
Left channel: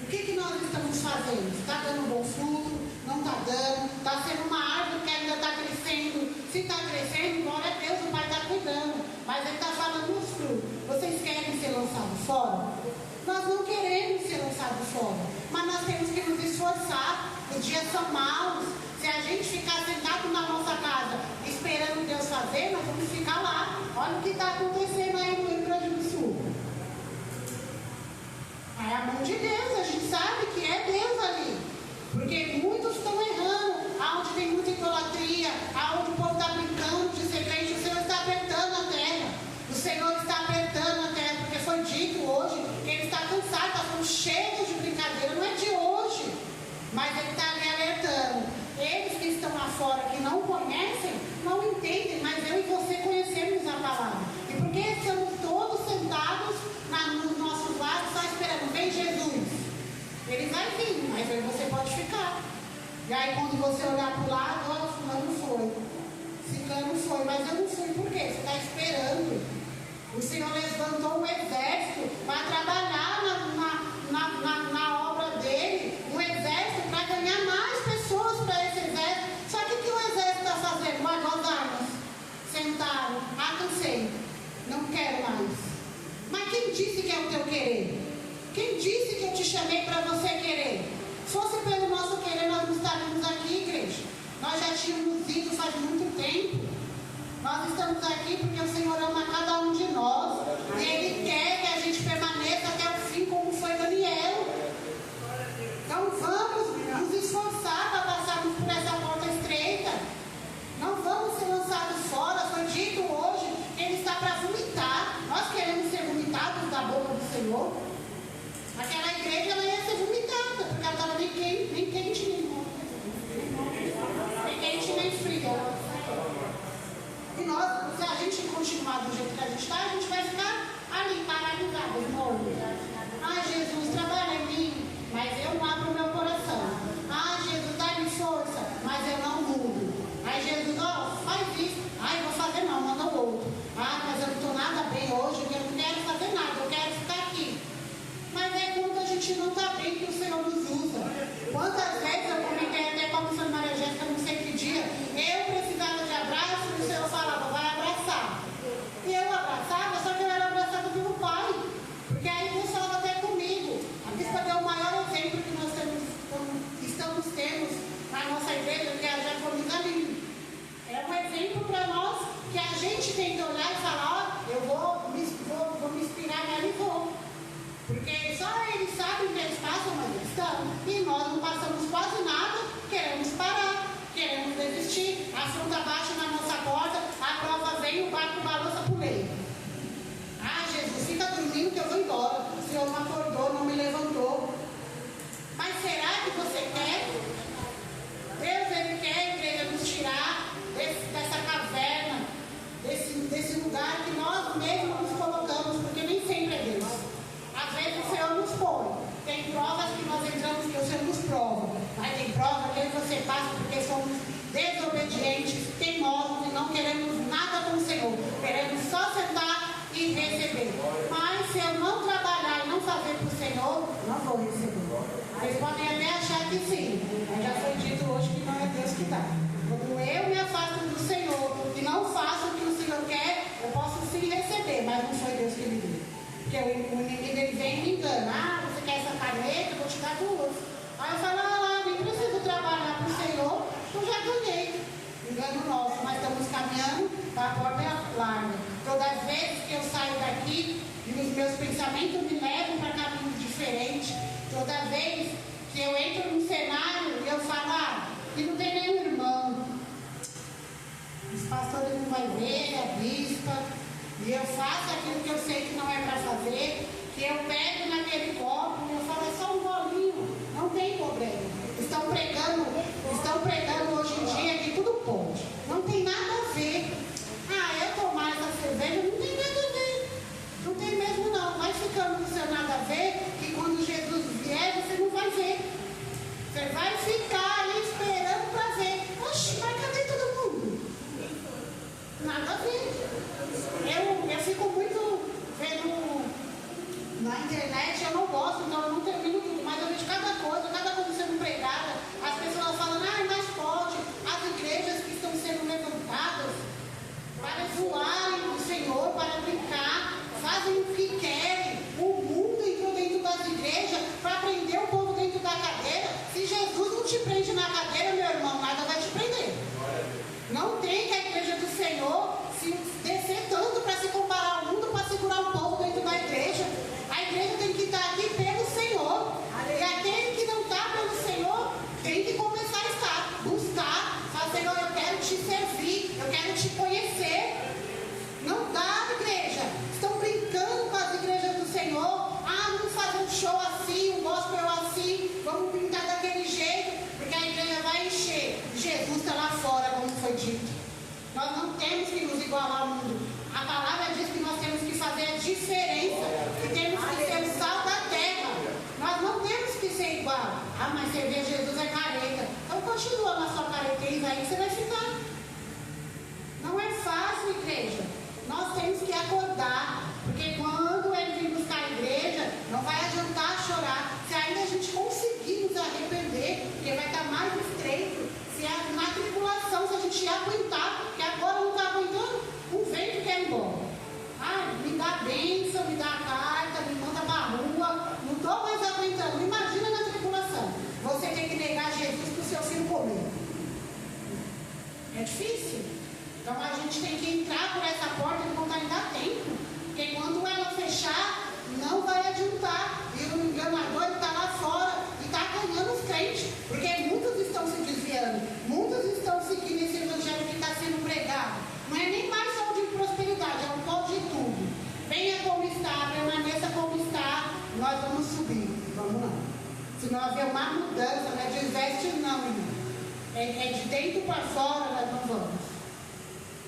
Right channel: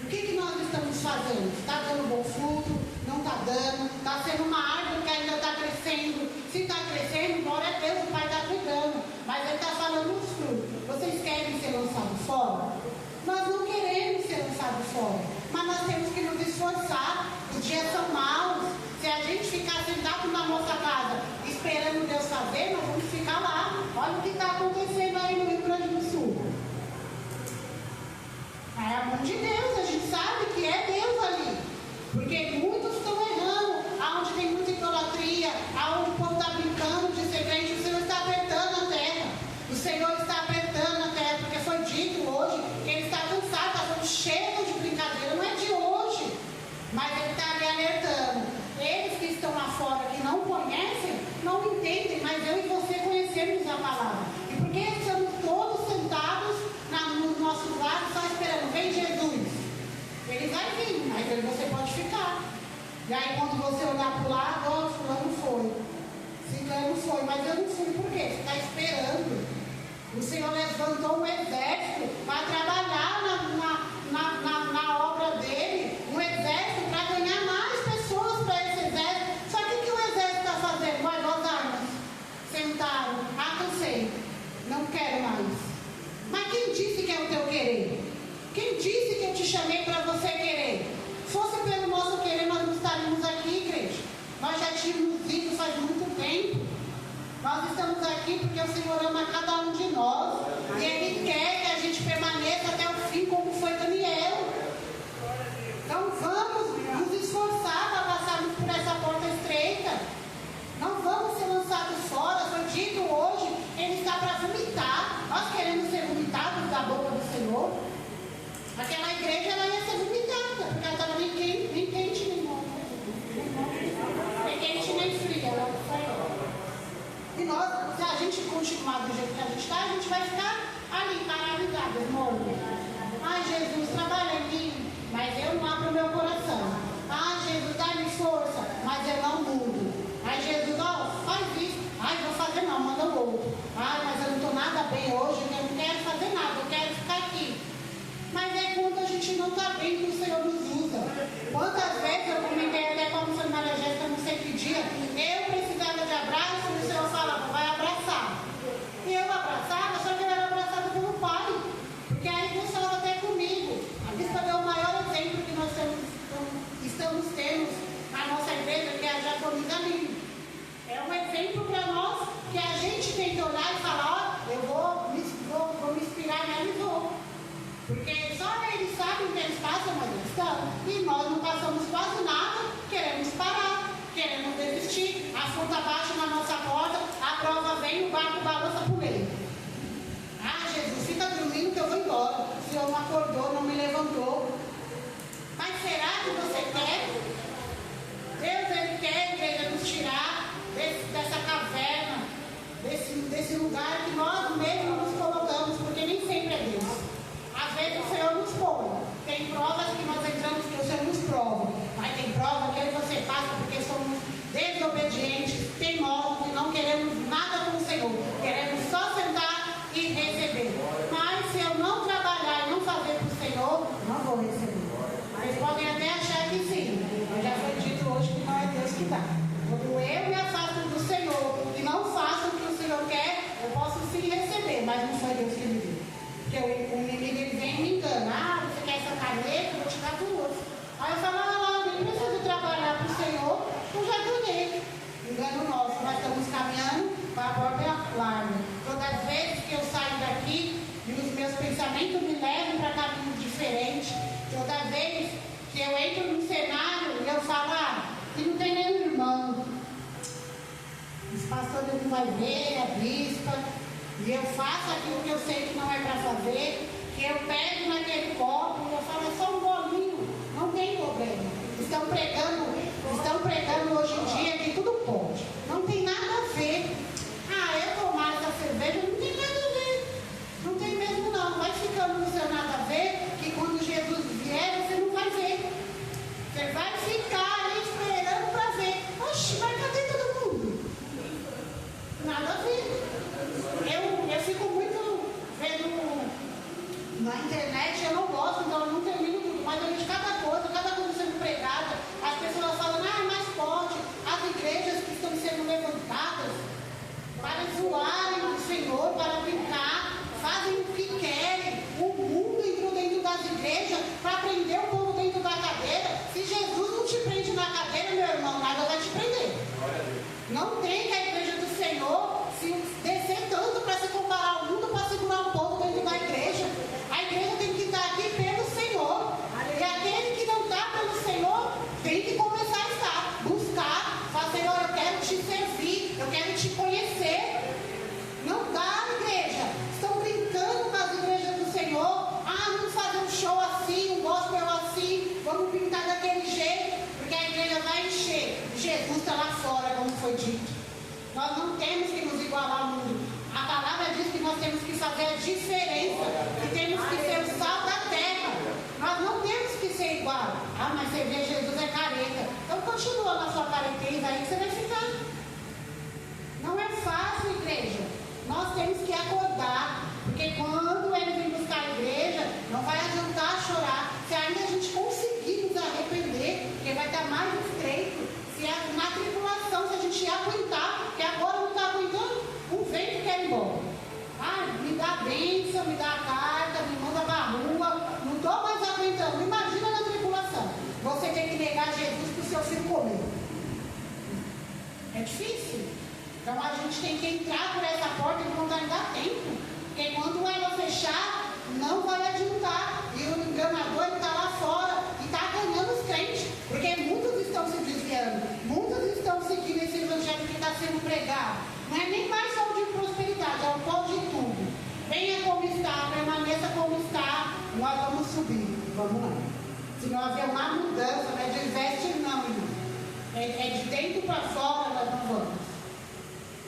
O que nós estamos fazendo? Está dando bom fruto? Não está dando? Está sendo uma árvore que ainda está crescendo? Se está crescendo, glória a Deus, o Pai está cuidando. Mas ele está falando dos frutos. Vocês querem ser lançados fora? Nós não queremos ser lançados fora. Mas nós temos que nos esforçar. Os dias são maus. Se a gente ficar sentado na nossa casa esperando Deus fazer, nós vamos ficar lá. Olha o que está acontecendo aí no Rio Grande do Sul. É a mão de Deus, a gente sabe que é Deus ali. Porque muitos estão errando. Aonde tem muita idolatria, aonde o povo está brincando de ser crente, o Senhor está apertando a terra. O Senhor está apertando a terra, porque foi dito hoje que Ele está cansado, está falando cheio de brincadeira, não é de hoje. Mas Ele está ali alertando. Eles que estão lá fora, que não conhecem, não entendem, mas eu e você conhecemos a palavra. E porque estamos todos sentados nos nossos lados, só esperando, vem Jesus. Ele vai vir, mas aí você pode ficar. E aí quando você olhar para o lado, ó, fulano foi, ciclano foi, mas eu não fui, por quê? Você está esperando. O Senhor levantou um exército para trabalhar na obra dele, um exército para ganhar mais pessoas para esse exército. Só que o que o exército está fazendo? Guardou as armas, sentaram, cansei, não quero mais. Mas quem disse que é o teu querer? Quem disse que eu te chamei para você querer? Se fosse pelo nosso querer, nós não estaríamos aqui, igreja. Nós já tínhamos ido faz muito tempo. Nós estamos aqui porque o Senhor ama cada um de nós. E Ele quer que a gente permaneça até o fim, como foi Daniel. Então vamos nos esforçar para passarmos por essa porta estreita. Não vamos ser lançados fora. Foi dito hoje que Ele está para vomitar. Nós queremos ser vomitados da boca do Senhor. Aquela igreja ela ia ser vomitada, porque ela estava nem quente nem morta. Nem quente nem fria. E nós, se a gente continuar do jeito que a gente está, a gente vai ficar ali, paralisado, morto. Ai, Jesus, trabalha em mim, mas eu não abro meu coração. Ai, Jesus, dá-me força, mas eu não mudo. Ai, Jesus, ó, faz isso. Ai, vou fazer não, manda o outro. Ai, mas eu não estou nada bem hoje, eu não quero fazer nada, eu quero ficar aqui. Mas é quando a gente não está bem que o Senhor nos usa. Quantas vezes eu comentei até com a missionária Jéssica, não sei que dia, eu precisava de abraço, e o Senhor falava, vai abraçar. E eu abraçava, só que eu era abraçada pelo Pai. Porque aí Deus falava até comigo. A bispa deu o maior exemplo que nós estamos tendo na nossa igreja, que é a Jaconisa Lima. É um exemplo para nós que a gente tem que olhar e falar, ó, eu vou me inspirar nela e vou. Porque só eles sabem que eles passam, mas eles estão. E nós não passamos quase nada, queremos parar, queremos desistir. A fruta baixa na nossa porta, a prova vem, o barco balança por ele. Ah, Jesus, fica dormindo que eu vou embora. O Senhor não acordou, não me levantou. Mas será que você quer? Deus, Ele quer, igreja, nos tirar dessa caverna, desse Se eu entro no cenário e eu falo, que não tem nenhum irmão, os pastores não vai ver, a bispa, e eu faço aquilo que eu sei que não é para fazer, que eu pego naquele copo e eu falo, é só um golinho, não tem problema. Estão pregando hoje em dia que tudo pode. Não tem nada a ver. Eu tomar essa cerveja não tem nada a ver. Não tem mesmo não. Vai ficando no seu nada a ver, que quando Jesus vier, você não vai ver. Você vai ficar ali esperando para ver. Oxe, mas cadê todo mundo? Nada a ver. Eu fico muito vendo na internet, eu não gosto, então eu não termino, mas eu vejo cada coisa sendo pregada. As pessoas falam, mas pode. As igrejas que estão sendo levantadas para zoarem o Senhor, para brincar, fazem o que querem. O mundo entrou dentro das igrejas para prender o povo dentro da cadeira. Se Jesus não te prende na cadeira, meu irmão, nada vai te prender. Não tem que a igreja do Senhor se descer tanto para se comparar ao mundo, para segurar o povo dentro da igreja. A igreja tem que estar aqui pelo Senhor. E aquele que não está pelo Senhor tem que começar a estar, buscar, falar, Senhor, eu quero te servir, eu quero te conhecer. Não dá, igreja. Estão brincando com as igrejas do Senhor. Vamos fazer um show assim, um gospel assim, vamos pintar daquele jeito, porque a igreja vai encher. Jesus está lá fora, como foi dito. Nós não temos que nos igualar ao mundo. A palavra diz que nós temos que fazer a diferença, que temos que ser o sal da terra. Nós não temos que ser igual. Mas você vê, Jesus é careta. Então continua na sua careteza aí que você vai ficar. Não é fácil, igreja. Nós temos que acordar, porque quando ele vem buscar a igreja, não vai adiantar chorar. Se ainda a gente conseguir nos arrepender, porque vai estar mais estreito. Se na tribulação, se a gente aguentar, porque agora não está aguentando, o vento quer ir embora. Me dá bênção, me dá a carta, me manda para a rua, não estou mais aguentando. Imagina na tribulação. Você tem que negar Jesus para o seu filho comer. É difícil. Então a gente tem que entrar por essa porta que não vai dar tempo. Porque quando ela fechar, não vai adiantar. E o enganador está lá fora e está ganhando os crentes. Porque muitos estão se desviando. Muitos estão seguindo esse evangelho que está sendo pregado. Não é nem mais saúde e prosperidade, é um pó de tudo. Venha como está, permaneça como está. Nós vamos subir. Vamos lá. Se não haver uma mudança, não é de veste não, irmão. É de dentro para fora, nós não vamos.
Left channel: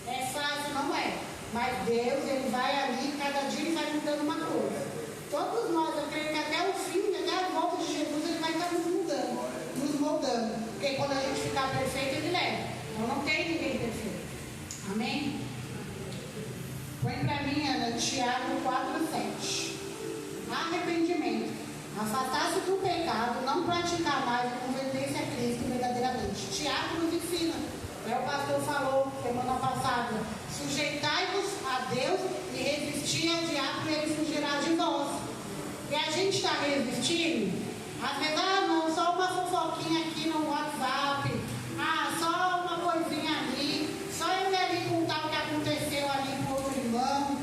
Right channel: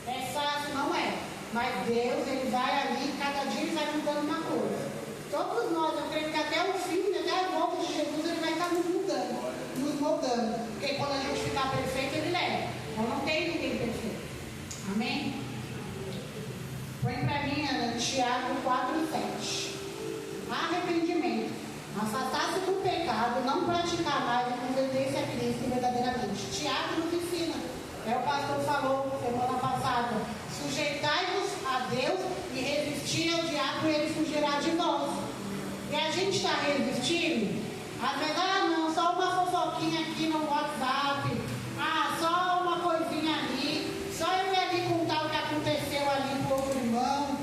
É fácil, não é. Mas Deus, Ele vai ali, cada dia Ele vai mudando uma coisa. Todos nós, eu creio que até o fim, até a volta de Jesus, Ele vai estar nos mudando, nos moldando. Porque quando a gente ficar perfeito, Ele leva. Então não tem ninguém perfeito. Amém? Põe para mim, Ana, Tiago 4:7. Arrependimento. Afastar-se do pecado, não praticar mais e converter-se a Cristo verdadeiramente. Tiago nos ensina. O pastor falou semana passada: sujeitai-vos a Deus e resistir ao diabo e ele fugirá de vós. E a gente está resistindo? Às vezes, não, só uma fofoquinha aqui no WhatsApp, só uma coisinha ali, só eu ir ali contar o que aconteceu ali com o outro irmão,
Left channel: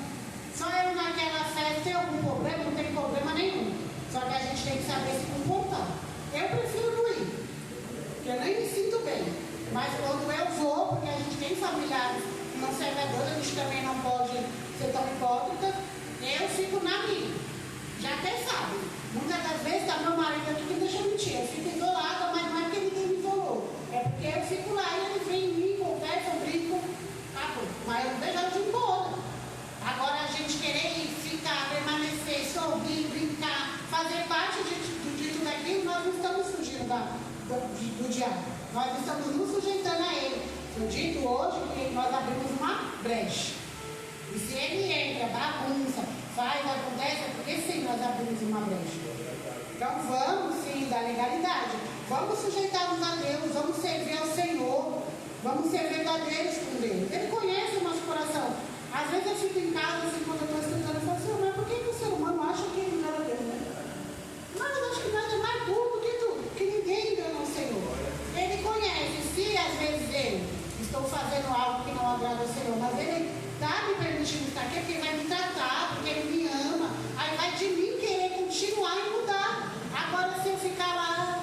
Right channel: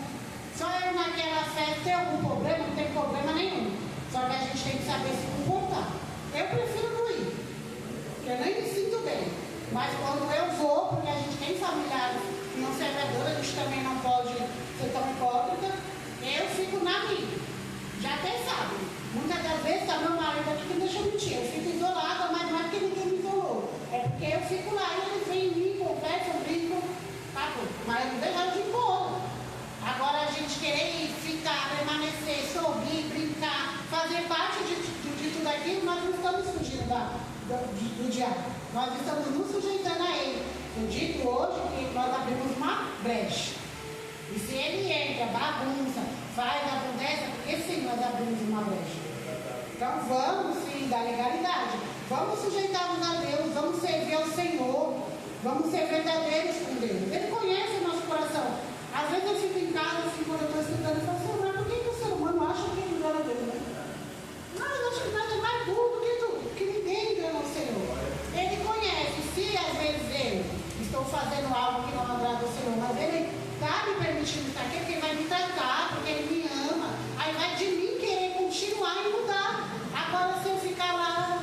só eu naquela festa. Tem algum problema? Não tem problema nenhum. Só que a gente tem que saber se comportar. Eu prefiro não ir, porque eu nem me sinto bem. Mas quando eu vou, porque a gente tem familiares que não servem a Deus, a gente também não pode ser tão hipócrita, eu fico na minha. Já até sabe. Muitas das vezes está meu marido aqui que deixa mentir. Eu fico isolada, mas não é porque ninguém me isolou. É porque eu fico lá e eles vêm em mim, conversam, brincam, acabou. Mas eu não deixo de ir embora. Agora a gente querer ficar, permanecer, sorrir, brincar, fazer parte de tudo aquilo, nós não estamos fugindo do diabo. Nós estamos nos sujeitando a ele. Eu dito hoje que nós abrimos uma brecha. E se ele entra, bagunça, acontece, porque sim, nós abrimos uma brecha. Então vamos sim dar legalidade. Vamos sujeitar-nos a Deus, vamos servir ao Senhor, vamos ser verdadeiros com Deus. Ele conhece o nosso coração. Às vezes eu fico em casa assim, quando eu estou estudando, e falo, Senhor, por que o ser humano acha que ele engana Deus, né? Mas eu acho que nada é mais burro que tudo, porque ninguém engana o Senhor. Ele conhece, se às vezes eu estou fazendo algo que não agrada ao Senhor, mas Ele está me permitindo estar aqui, porque Ele vai me tratar, porque Ele me ama, aí vai de mim querer continuar e mudar. Agora, se eu ficar lá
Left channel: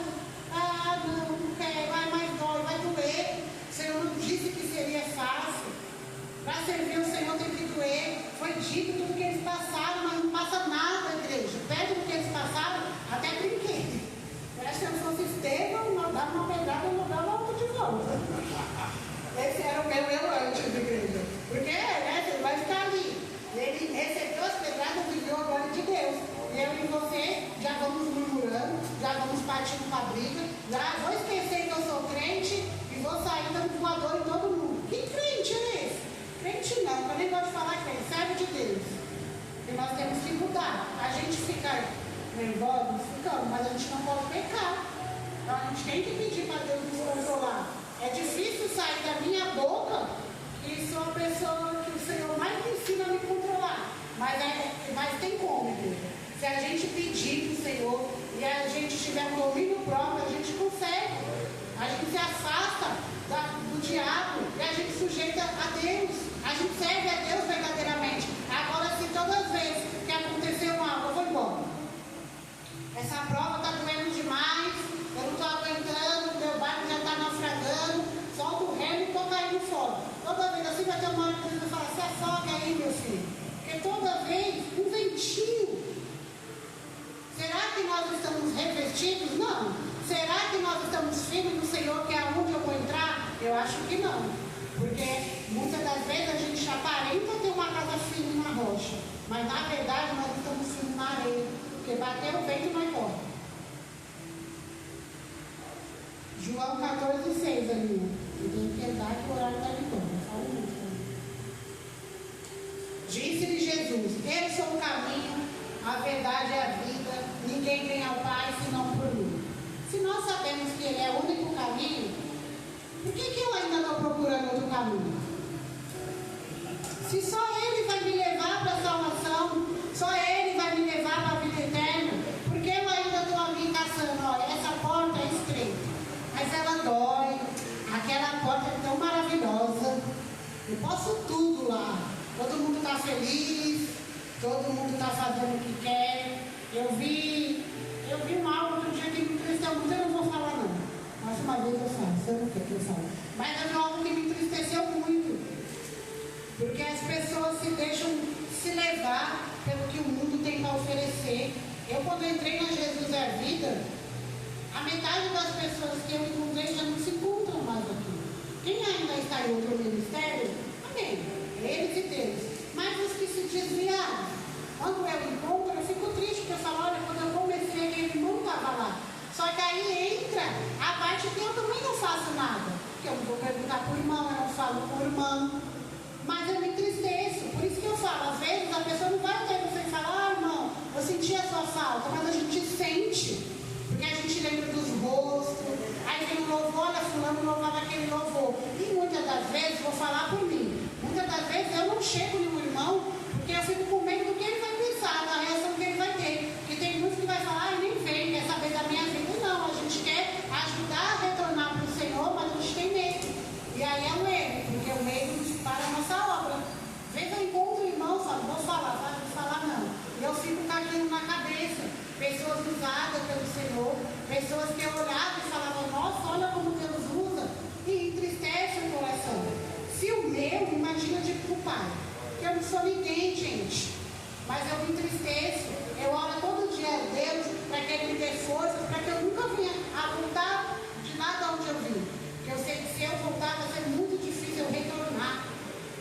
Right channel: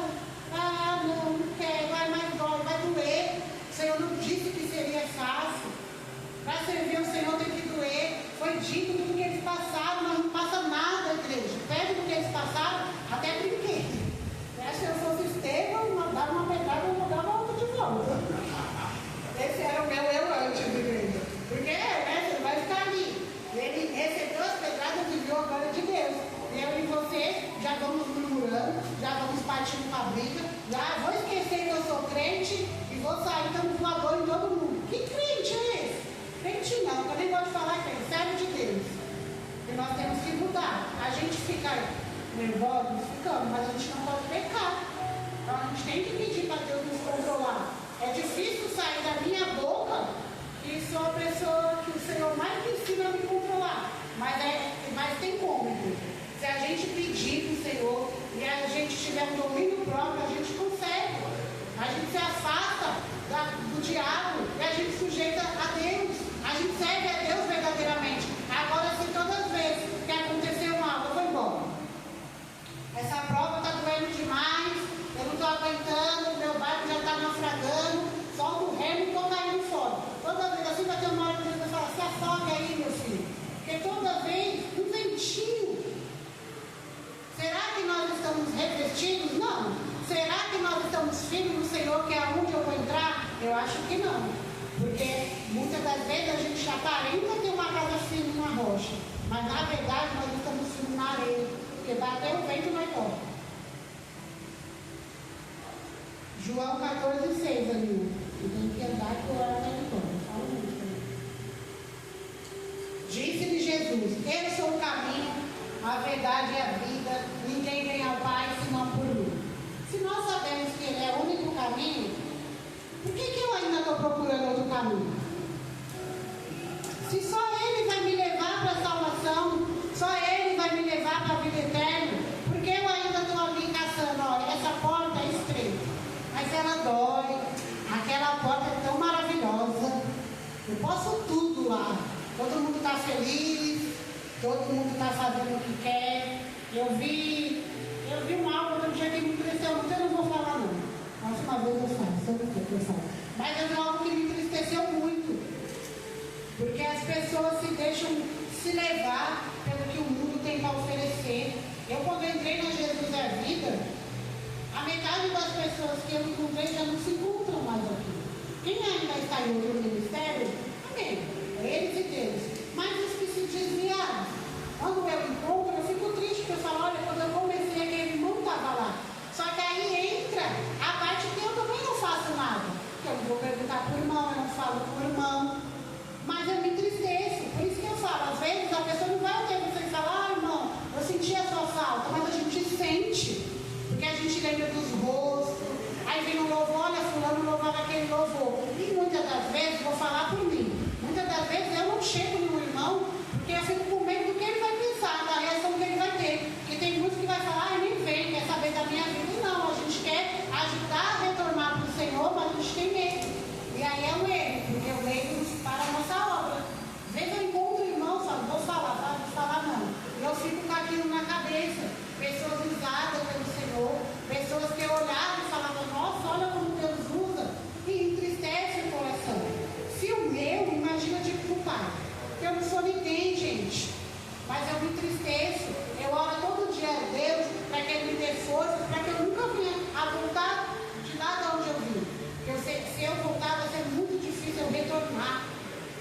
Já vou esquecer que eu sou crente e vou sair dando voador em todo mundo. Que crente é esse? Crente não, eu nem gosto de falar crente, servo de Deus. E nós temos que mudar. A gente fica nervoso, ficamos, mas a gente não pode pecar. Então a gente tem que pedir para Deus nos controlar. É difícil sair da minha boca e sou a pessoa que o Senhor mais me ensina a me controlar. Mas tem como, irmão. Se a gente pedir para o Senhor e a gente tiver um domínio próprio, a gente consegue. A gente se afasta do diabo e a gente sujeita a Deus. A gente serve a Deus verdadeiramente. Agora, se todas as vezes que aconteceu algo, eu vou embora. Essa prova está doendo demais, eu não estou aguentando, meu barco já está naufragando, solta o remo e estou caindo fora. Toda vez assim vai ter uma hora que Deus vai falar, se afoga aí, meu filho. Porque toda vez, um ventinho. Será que nós estamos revestidos? Não. Será que nós estamos firmes no Senhor, que é aonde eu vou entrar? Eu acho que não. Porque muitas das vezes a gente aparenta ter uma casa firme na rocha. Mas na verdade nós estamos firmes na areia. Porque bateu o vento mais forte. João 14,6 ali. E tem que andar e orar até de fora. Fala muito também. Disse-lhe Jesus: eu sou o caminho, a verdade é a vida. Ninguém vem ao Pai senão por mim. Se nós sabemos que Ele é o único caminho, por que eu ainda estou procurando outro caminho? Se só Ele vai me levar para a salvação, só Ele vai me levar para a vida eterna, por que eu ainda estou ali caçando? Olha, essa porta é estreita, mas ela dói. Aquela porta é tão maravilhosa. Eu posso tudo lá. Todo mundo está feliz, todo mundo está fazendo o que quer. Eu vi uma aula outro dia que me entristeceu muito, eu não vou falar não. Mas uma vez eu falo, você não quer que eu fale. Mas eu vi algo que me entristeceu muito. Porque as pessoas se deixam se levar pelo que o mundo tem para oferecer. Eu quando entrei na Jesus é Vida, a metade das pessoas que eu encontrei já não se encontram mais aqui. Quem ainda está em outro ministério, amém. Eles e Deus. Mas os que se desviaram, quando eu encontro, eu fico triste, porque eu falo, olha, quando eu comecei, aquele irmão estava lá. Só que aí entra a parte que eu também não faço nada. Porque eu não vou perguntar por irmão, eu não falo por irmão. Mas eu me entristeço. Por isso que eu falo, às vezes a pessoa não vai ter você e falar, irmão, eu senti a sua falta, mas a gente sente. Porque a gente lembra dos rostos. Aí vem o louvor, olha, fulano louvava aquele louvor. E muitas das vezes, vou falar por mim, muitas das vezes eu não chego no irmão, porque eu fico com medo do que ele vai pensar, da reação que ele vai ter. E tem muitos que vai falar, nem vem, quer saber da minha vida. Não, a gente quer ajudar a retornar para o Senhor, mas a gente tem medo. E aí é um erro, porque o medo para a nossa obra. Às vezes eu encontro irmãos, falo, vou falar, tá? Vou falar não. E eu fico com aquilo na cabeça. Pessoas usadas pelo Senhor, pessoas que eu olhava e falava, nossa, olha como Deus usa, e entristece o coração. Se o meu, imagina de culpar, porque eu não sou ninguém, gente, mas eu me entristeço, eu oro todo dia a Deus, para que Ele me dê força, para que eu nunca venha a voltar de lá de onde eu vim, porque eu sei que se eu voltar vai ser muito difícil eu retornar,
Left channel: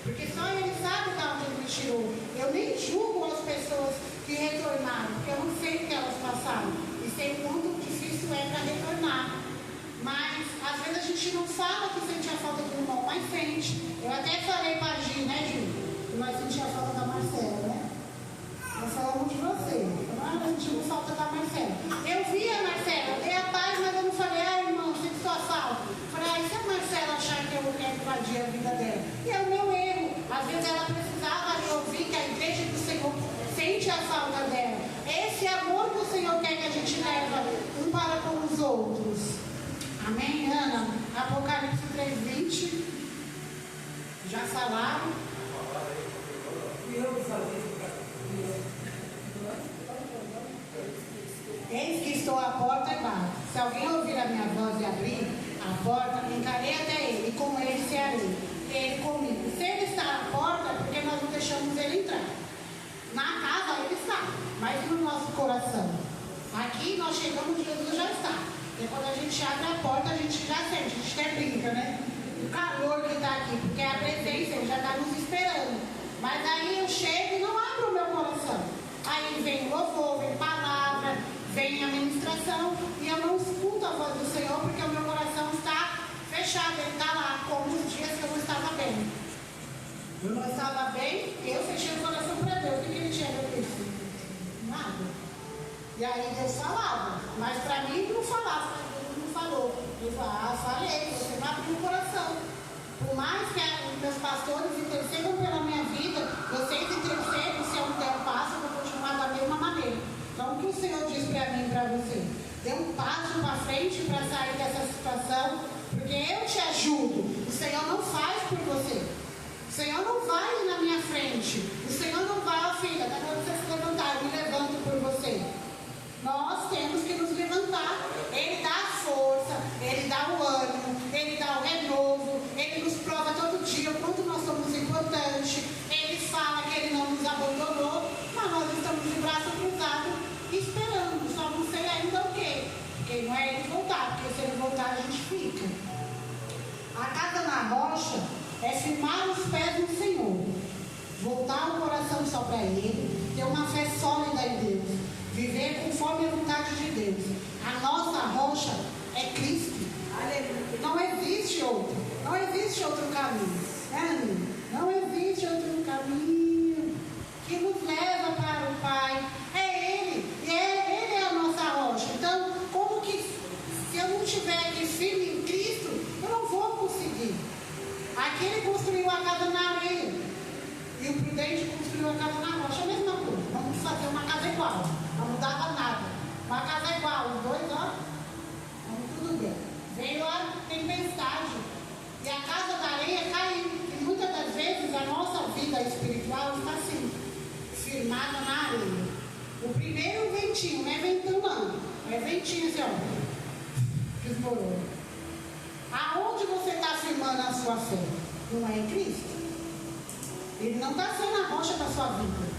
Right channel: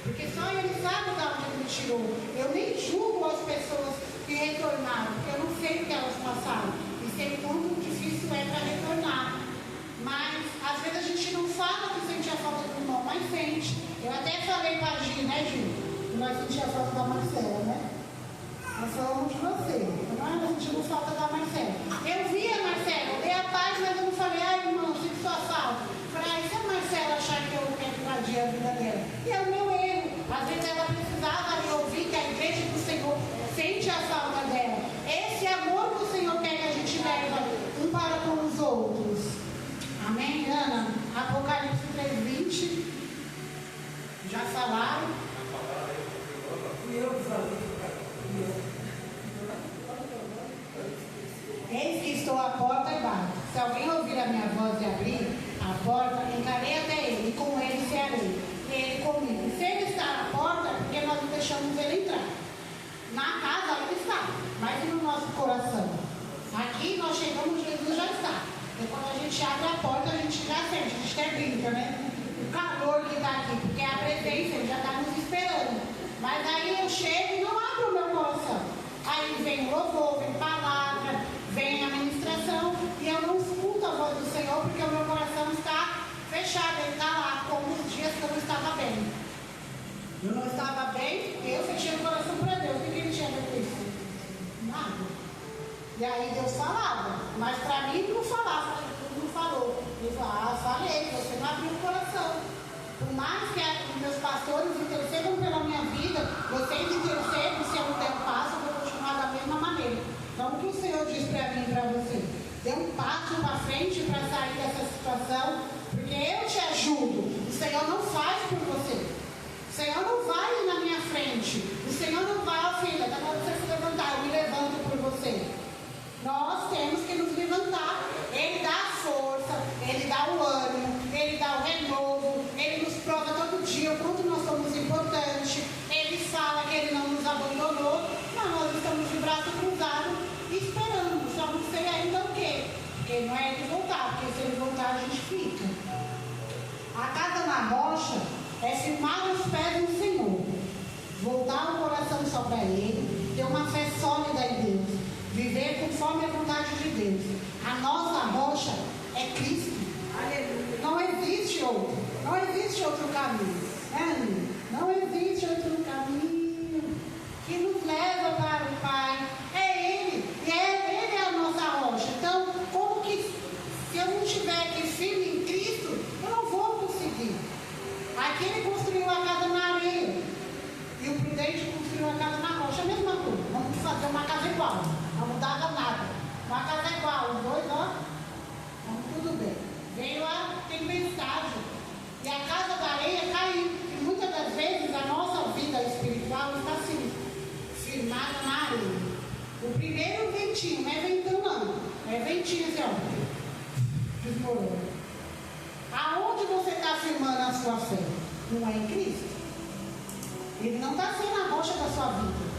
porque só Ele sabe de onde Ele me tirou. Eu nem julgo as pessoas que retornaram, porque eu não sei o que elas passaram e sei quanto difícil é para retornar. Mas às vezes a gente não fala que sente a falta do irmão, mas sente. Eu até falei para a Gi, né, Gi? Que nós sentimos a falta da Marcela, né? Nós falamos de você, nós sentimos falta da Marcela. Eu vi a Marcela, dei a paz, mas eu não falei, irmão, sinto sua falta. Falei, se a Marcela achar que eu quero invadir a vida dela? E é o meu erro. Às vezes ela precisava de ouvir que a igreja do Senhor sente a falta dela. Esse amor que o Senhor quer que a gente leve um para com os outros. Amém, Ana? Apocalipse 3:20. Já falaram? E eu falei. Eis que estou à porta e bato. Se alguém ouvir a minha voz e abrir a porta, encarei até ele, e com ele cearei, e ele comigo. Se ele está à porta, é porque nós não deixamos ele entrar. Na casa ele está, mas no nosso coração. Aqui nós chegamos, Jesus já está. Porque quando a gente abre a porta, a gente já sente, a gente até brinca, né? O calor que está aqui, porque a presença, ele já está nos esperando. Mas aí eu chego e não abro o meu coração. Aí vem o louvor, vem palavra, vem a ministração, e eu não escuto a voz do Senhor, não é ele voltar, porque se ele voltar a gente fica. A casa na rocha é firmar os pés no Senhor, voltar o coração só para Ele, ter uma fé sólida em Deus, viver conforme a vontade de Deus. A nossa rocha é Cristo. Aleluia. Não existe outro. Não existe outro caminho. Não existe outro caminho que nos leva para o Pai. É Ele. E Ele é a nossa rocha. Então, como que se eu não estiver aqui firme em Cristo, eu não vou conseguir. Aqui ele construiu a casa na areia. E o prudente construiu a casa na rocha. É a mesma coisa. Vamos fazer uma casa igual. Não mudava nada. Uma casa igual. Os dois, ó. Tudo bem. Veio a tempestade. E a casa da areia caiu. E muitas das vezes a nossa vida espiritual está assim, firmada na areia. O primeiro ventinho, não é ventão não. É ventinho assim, ó. Desmorou. Aonde você está firmando a sua fé? Não é em Cristo. Ele não está sendo a rocha da sua vida.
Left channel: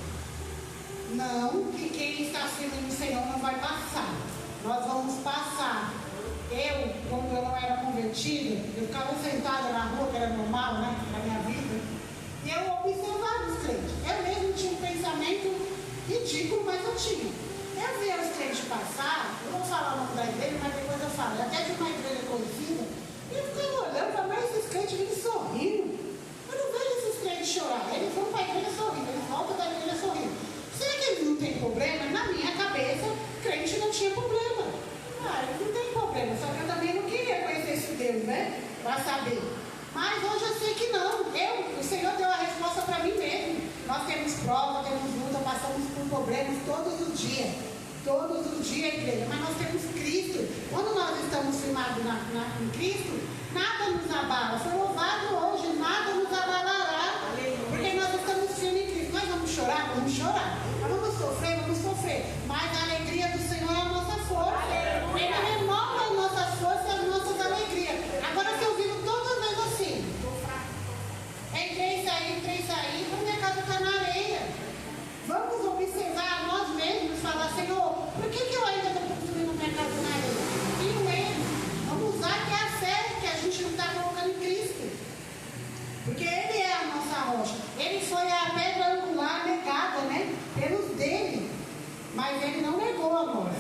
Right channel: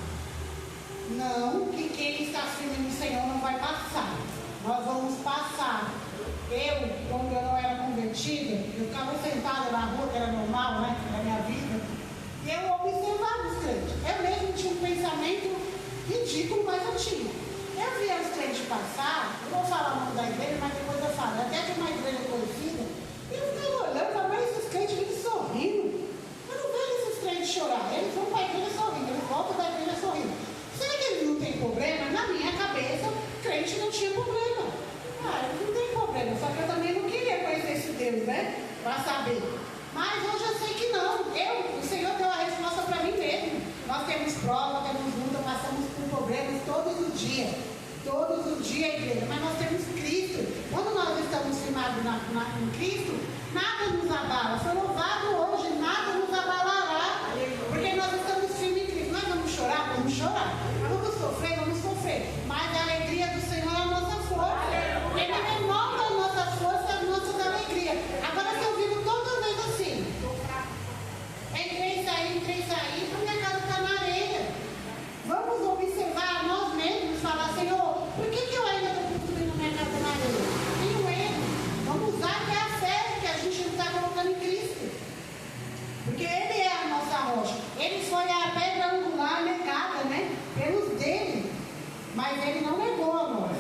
Não, que quem está firme no Senhor não vai passar. Nós vamos passar. Quando eu não era convertida, eu ficava sentada na rua, que era normal, né, na minha vida, e eu observava os crentes. Eu mesmo tinha um pensamento ridículo, mas eu tinha. Eu via os crentes passar, eu vou falar o nome da igreja, mas depois eu falo, até de uma igreja conhecida, e eu ficava olhando, falava, mas esses crentes vivem sorrindo. Eu não vejo esses crentes chorar. Eles vão para a igreja sorrindo, eles voltam da igreja sorrindo. Será que eles não têm problema? Na minha cabeça, crente não tinha problema. Eles não têm problema, só que eu também não queria conhecer esse Deus, né? Para saber. Mas hoje eu sei que não. O Senhor deu a resposta para mim mesmo. Nós temos prova, temos luta, passamos por problemas todos os dias. Todos os dias, igreja. Mas nós temos Cristo. Quando nós estamos firmados em Cristo, nada nos abala. Foi louvado hoje, nada nos abalará. Porque nós estamos firmes em Cristo. Nós vamos chorar? Vamos chorar. Nós vamos sofrer? Vamos sofrer. Mas a alegria do Senhor é a nossa força. Ele renova as nossas forças, as nossas alegrias. Agora, se eu vivo todas as vezes assim, entrei e saí, a minha casa está na areia. Vamos observar nós mesmos, falar, Senhor, por que eu ainda estou construindo minha casa na areia? Tenho medo. Vamos usar que é a fé que a gente não está colocando em Cristo. Porque Ele é a nossa rocha. Ele foi a pedra angular negada, né? Pelos dele. Mas Ele não negou a nós.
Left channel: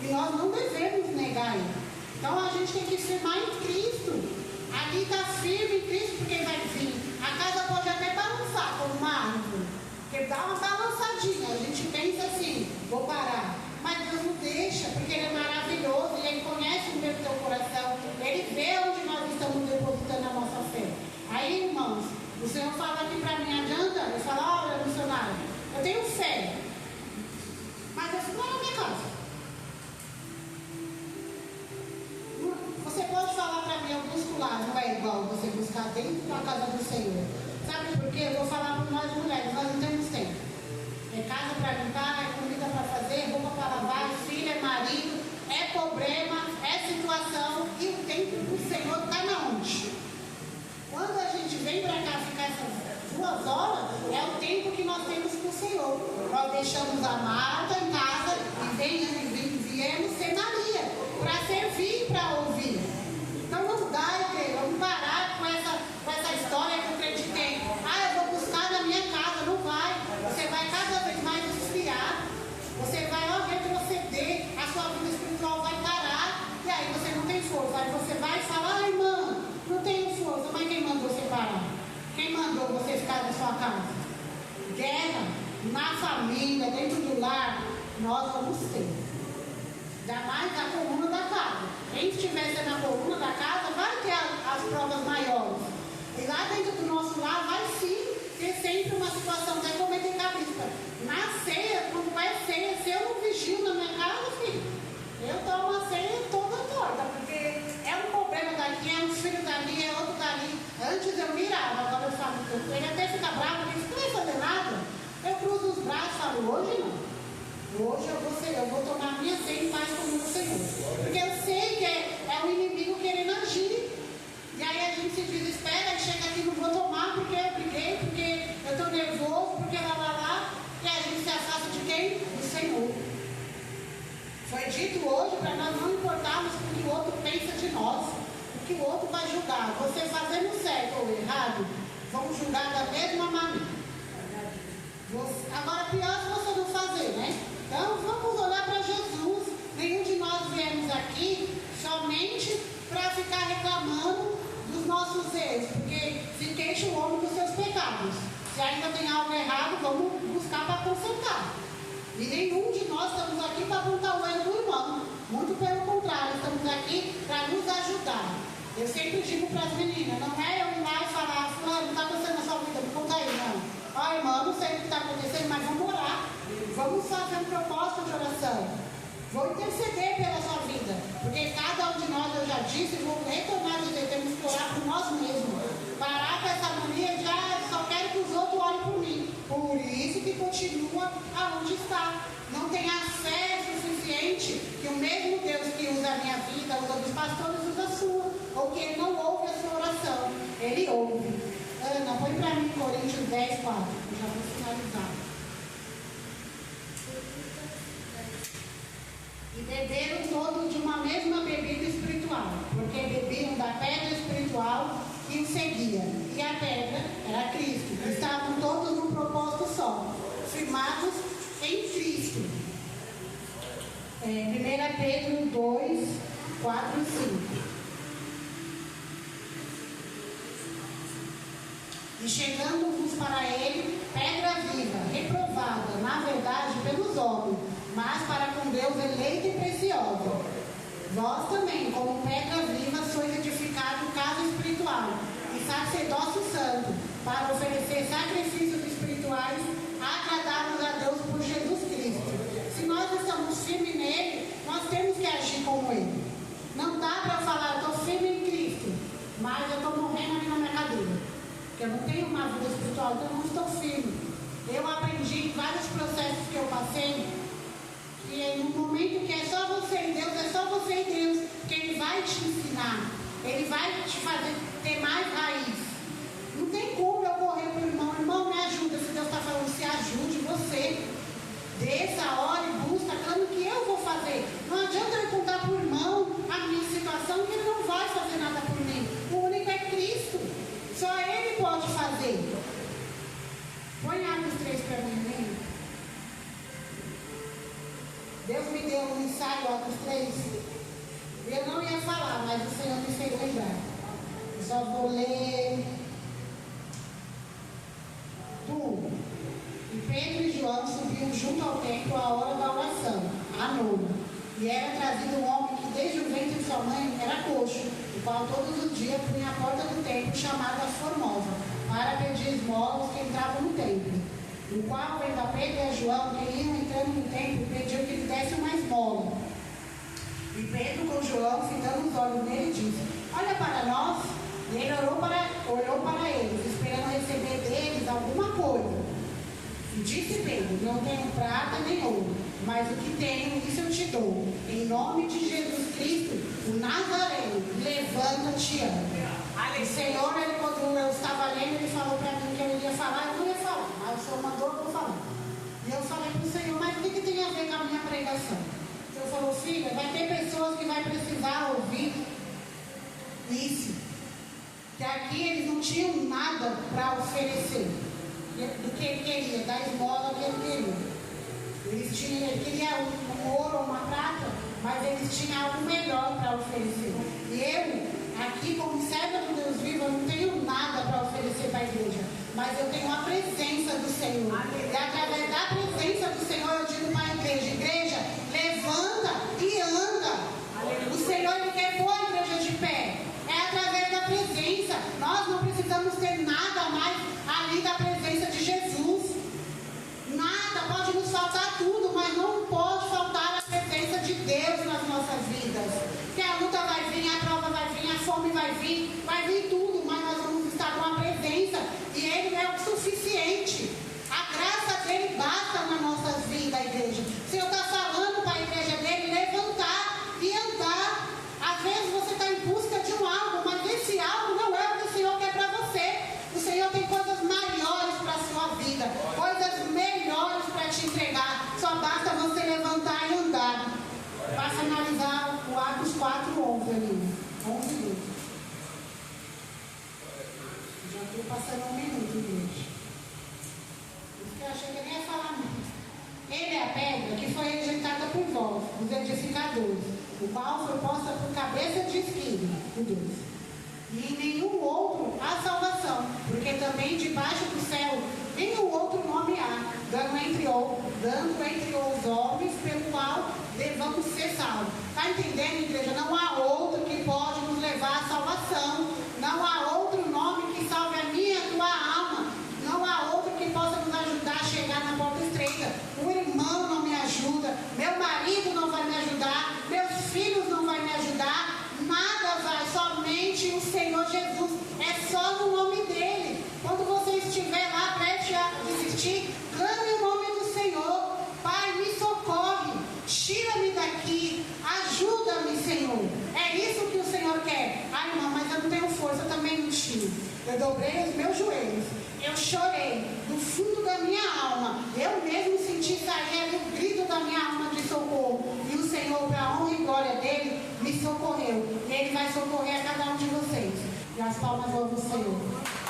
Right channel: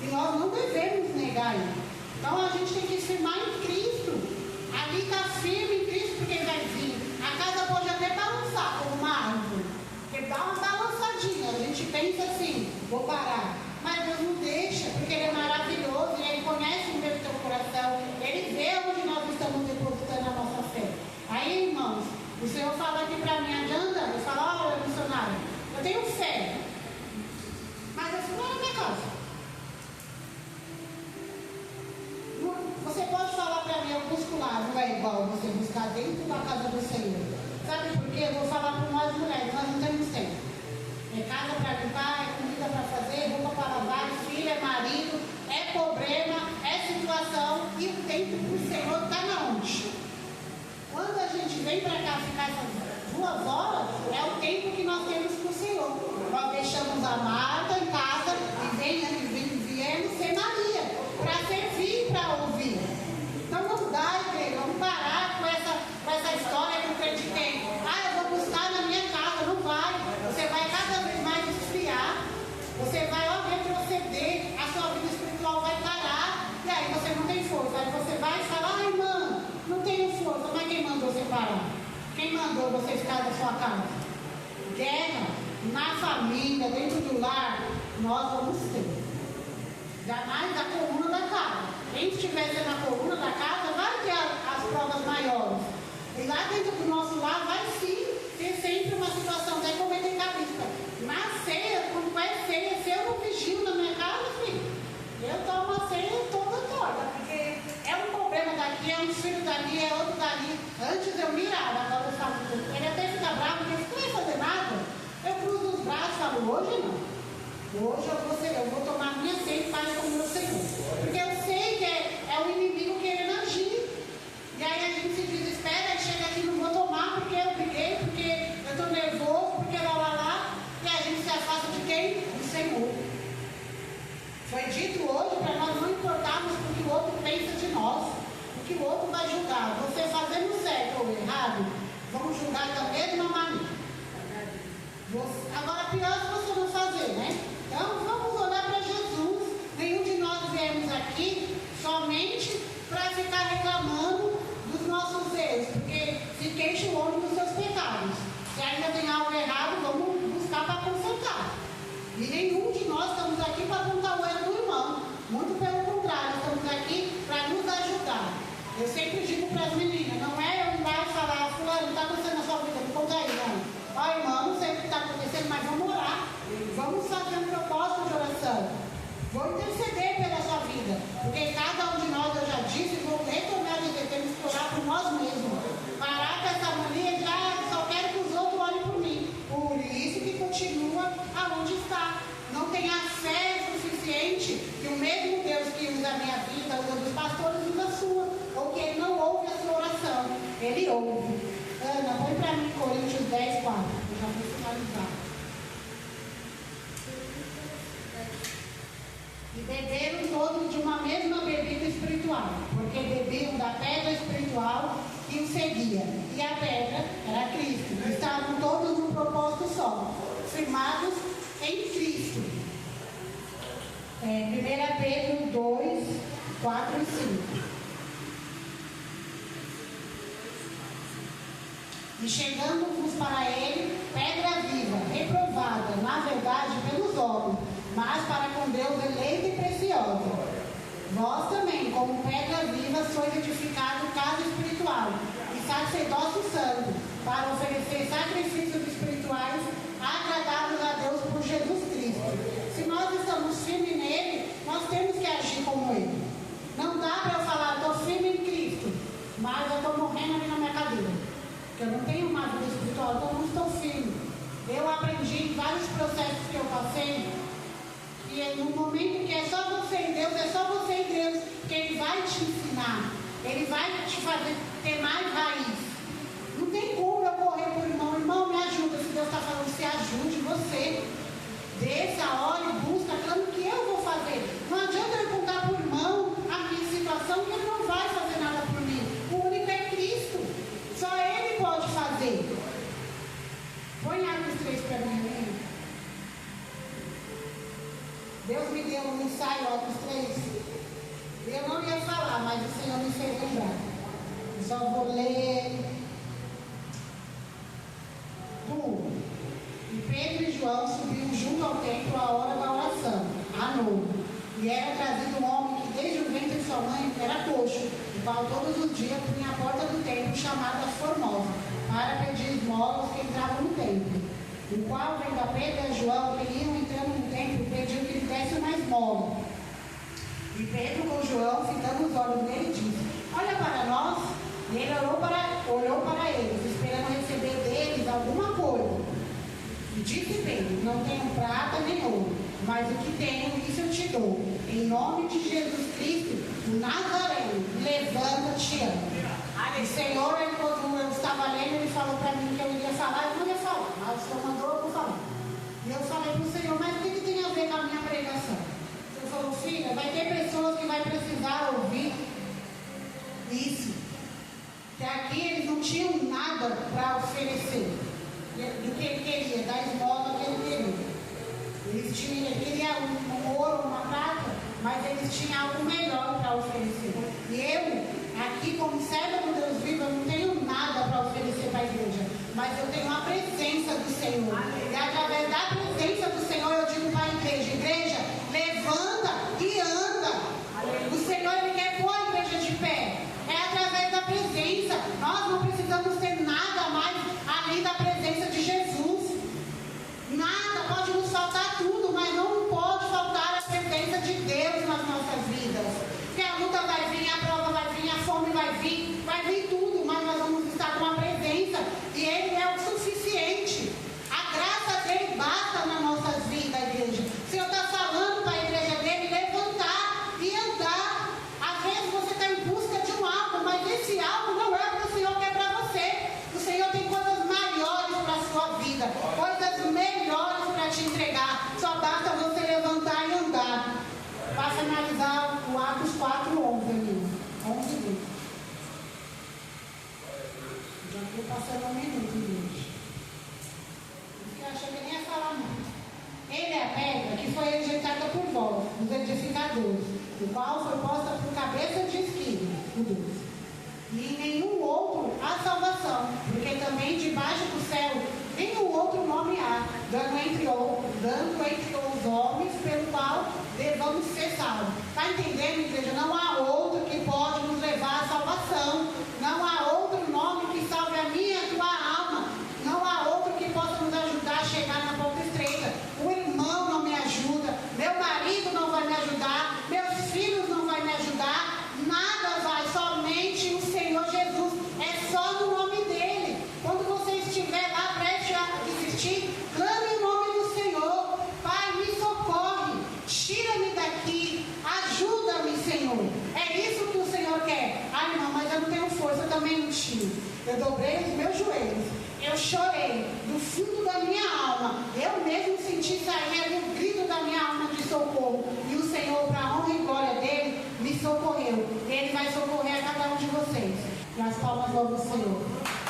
E nós não devemos negar Ele. Então a gente tem que firmar em Cristo. Aqui está firme em Cristo, porque Ele vai vir. A casa pode até balançar como uma árvore. Porque dá uma balançadinha. A gente pensa assim, vou parar. Mas Deus não deixa, porque Ele é maravilhoso. Ele conhece o meu teu coração. Ele vê onde nós estamos depositando a nossa fé. Aí, irmãos, o Senhor fala aqui para mim, adianta? Eu falo, olha, missionário, eu tenho fé. Mas eu fico lá na minha casa. Você pode falar para mim, eu busco lá, não é igual você buscar dentro da casa do Senhor. Sabe por quê? Eu vou falar para nós mulheres, nós não temos tempo. É casa para limpar, é comida para fazer, roupa para lavar, filho, é marido, é problema, é situação. E o tempo do Senhor está na onde? Quando a gente vem para cá ficar essas 2 horas, é o tempo que nós temos com o Senhor. Nós deixamos a Marta em casa e viemos ser Maria, para servir, para ouvir. Então não dá, igreja, vamos parar com essa história que eu acreditei. Eu vou buscar na minha casa, não vai. Você vai cada vez mais esfriar. Você vai retroceder, a sua vida espiritual vai parar. E aí você não tem força. Aí você vai falar, irmã, não tenho força. Mas quem mandou você parar? Quem mandou você ficar na sua casa? Guerra, na família, dentro do lar, nós vamos ter. Jamais da coluna da casa. Quem estiver sendo a coluna da casa vai ter as provas maiores. E lá dentro do nosso lar vai sim ter sempre uma situação de cometer cabeça. Na ceia, quando vai ceia, se eu não vigio na minha casa, filho, eu tomo a ceia toda torta, porque é um problema daqui, é um filho dali, é outro dali. Antes eu mirava, agora eu falo, ele até fica bravo, ele não vai fazer nada. Eu cruzo os braços e falo, hoje não. Hoje eu vou tomar a minha ceia em paz com o meu Senhor. Porque eu sei que é o inimigo querendo agir. E aí a gente se desespera, aí chega aqui, não vou tomar porque eu briguei, porque eu estou nervoso, porque lá. E a gente se afasta de quem? Do Senhor. Foi dito hoje para nós não importarmos pior se você não fazer, né? Então vamos olhar para Jesus. Nenhum de nós viemos aqui somente para ficar reclamando dos nossos erros, porque se queixa o homem dos seus pecados. Se ainda tem algo errado, vamos buscar para consertar. E nenhum de nós estamos aqui para apontar o erro do irmão. Muito pelo contrário, estamos aqui para nos ajudar. Eu sempre digo para as meninas, não é eu ir lá e falar, fulano, está acontecendo na sua vida, me conta aí, não. Ó, irmão, não sei o que está acontecendo, mas vamos orar. Vamos fazer um propósito de oração. Vou interceder pela sua vida. Porque cada um de nós, eu já disse, vou retornar a dizer, temos que orar por nós mesmos. Parar com essa mania de, só quero que os outros olhem por mim. Por isso que continua aonde está. Não tem a fé suficiente que o mesmo Deus que usa a minha vida, usa dos pastores, usa a sua. Ou que ele não ouve a sua oração. Ele ouve. Ana, põe para mim Coríntios 10, 4. Eu já vou finalizar. E beberam todos de uma mesma bebida espiritual, porque bebiam da pedra espiritual que os seguia. E a pedra era Cristo. Estavam todos num propósito só, firmados em Cristo. 1 Pedro 2, 4 e 5. E chegando-vos para ele, pedra viva, reprovada, na verdade, pelos homens, mas para com Deus eleita e preciosa. Vós também, como pedra viva, sois edificado casa espiritual e sacerdócio santo, para oferecer sacrifícios espirituais agradáveis a Deus por Jesus Cristo. Se nós estamos firmes nele, nós temos que agir como ele. Não dá para eu falar, eu estou firme em Cristo, mas eu estou morrendo ali na minha cadeira. Eu não tenho uma vida espiritual, então eu não estou firme. Eu aprendi em vários processos que eu passei, que no momento que é só você e Deus, é só você e Deus, que Ele vai te ensinar, Ele vai te fazer ter mais raiz. Não tem como eu correr para o irmão, irmão, me ajuda, se Deus está falando, se ajude você. Desça, ore, busca, claro que eu vou fazer. Não adianta eu contar para o irmão a minha situação, que ele não vai fazer nada por mim. O único é Cristo. Só Ele pode fazer. Põe Atos 3 para mim. Deus me deu um ensaio, Atos 3. Eu não ia falar, mas o Senhor me fez lembrar. Eu só vou ler. E Pedro e João subiam junto ao templo à hora da oração, à noite. E era trazido um homem que desde o ventre de sua mãe era coxo, o qual todos os dias punha a porta do templo, chamada as Formosas, para pedir esmolas que entravam no templo. O qual, vendo a Pedro e a João, que iam entrando no templo, pediu que lhe desse uma esmola. E Pedro, com João, fitando os olhos nele, disse: olha para nós. E ele olhou para eles, esperando receber deles alguma coisa. E disse Pedro: não tenho prata nem ouro, mas o que tenho, isso eu te dou. Em nome de Jesus Cristo, o Nazareno, levanta-te e anda. O Senhor, quando eu estava lendo, ele falou para mim que eu ia falar, eu não ia falar, mas o Senhor mandou, eu vou falar. E eu falei para o Senhor, mas o que tem a ver com a minha pregação? O Senhor falou: filha, vai ter pessoas que vai precisar ouvir isso. Que aqui eles não tinham nada para oferecer do que ele queria, da esmola que ele queria. Ele queria um ouro ou uma prata, mas eles tinham algo melhor para oferecer. E eu, aqui como serva do Deus vivo, eu não tenho nada para oferecer para a igreja, mas eu tenho a presença do Senhor. E através da presença do Senhor eu digo para a igreja: igreja, levanta e anda. O Senhor, Ele quer pôr a igreja de pé. É através da presença. Nós não precisamos ter nada mais além da presença de Jesus. Nada, pode nos faltar tudo, mas não pode faltar a presença de Deus nas nossas vidas. Porque a luta vai vir, a prova vai vir, a fome vai vir tudo, mas nós vamos estar com a presença e Ele é o suficiente. A graça dele basta nas nossas vidas, igreja. O Senhor está falando para a igreja dele levantar e andar. Às vezes você está em busca de um algo, mas esse algo não é o que o Senhor quer para você. O Senhor tem coisas maiores para a sua vida, coisas melhores para te entregar. Só basta você levantar e andar. Para finalizar o Atos 4:11, menino. 11 minutos. Já estou passando um minuto, gente. Por isso que eu achei que eu nem ia falar muito. os edificadores, o qual foi posta por cabeça de espinho, o Deus. E em nenhum outro há salvação, porque também debaixo do céu nenhum outro nome há, dando entre os homens pelo qual devamos ser salvos. Está entendendo, igreja? Não há outro que pode nos levar à salvação. Não há outro nome que salve a minha e a tua alma. Não há outro que possa nos ajudar a chegar na porta estreita. O irmão não me ajuda, meu marido não vai me ajudar, meus filhos não vão me ajudar. Nada vai, somente o Senhor Jesus. É só no nome dele. Quando você estiver lá prestes a desistir, clame o nome do Senhor. Pai, me socorre, tira-me daqui, ajuda-me, Senhor. É isso que o Senhor quer. Ai não, mas eu não tenho força, eu também não tinha. Eu dobrei os meus joelhos, eu chorei do fundo da minha alma. Eu mesmo senti sair o grito da minha alma de socorro. E o Senhor, para a honra e glória dele, me socorreu. E ele vai socorrer a cada um de vocês. E as palmas louvam o Senhor.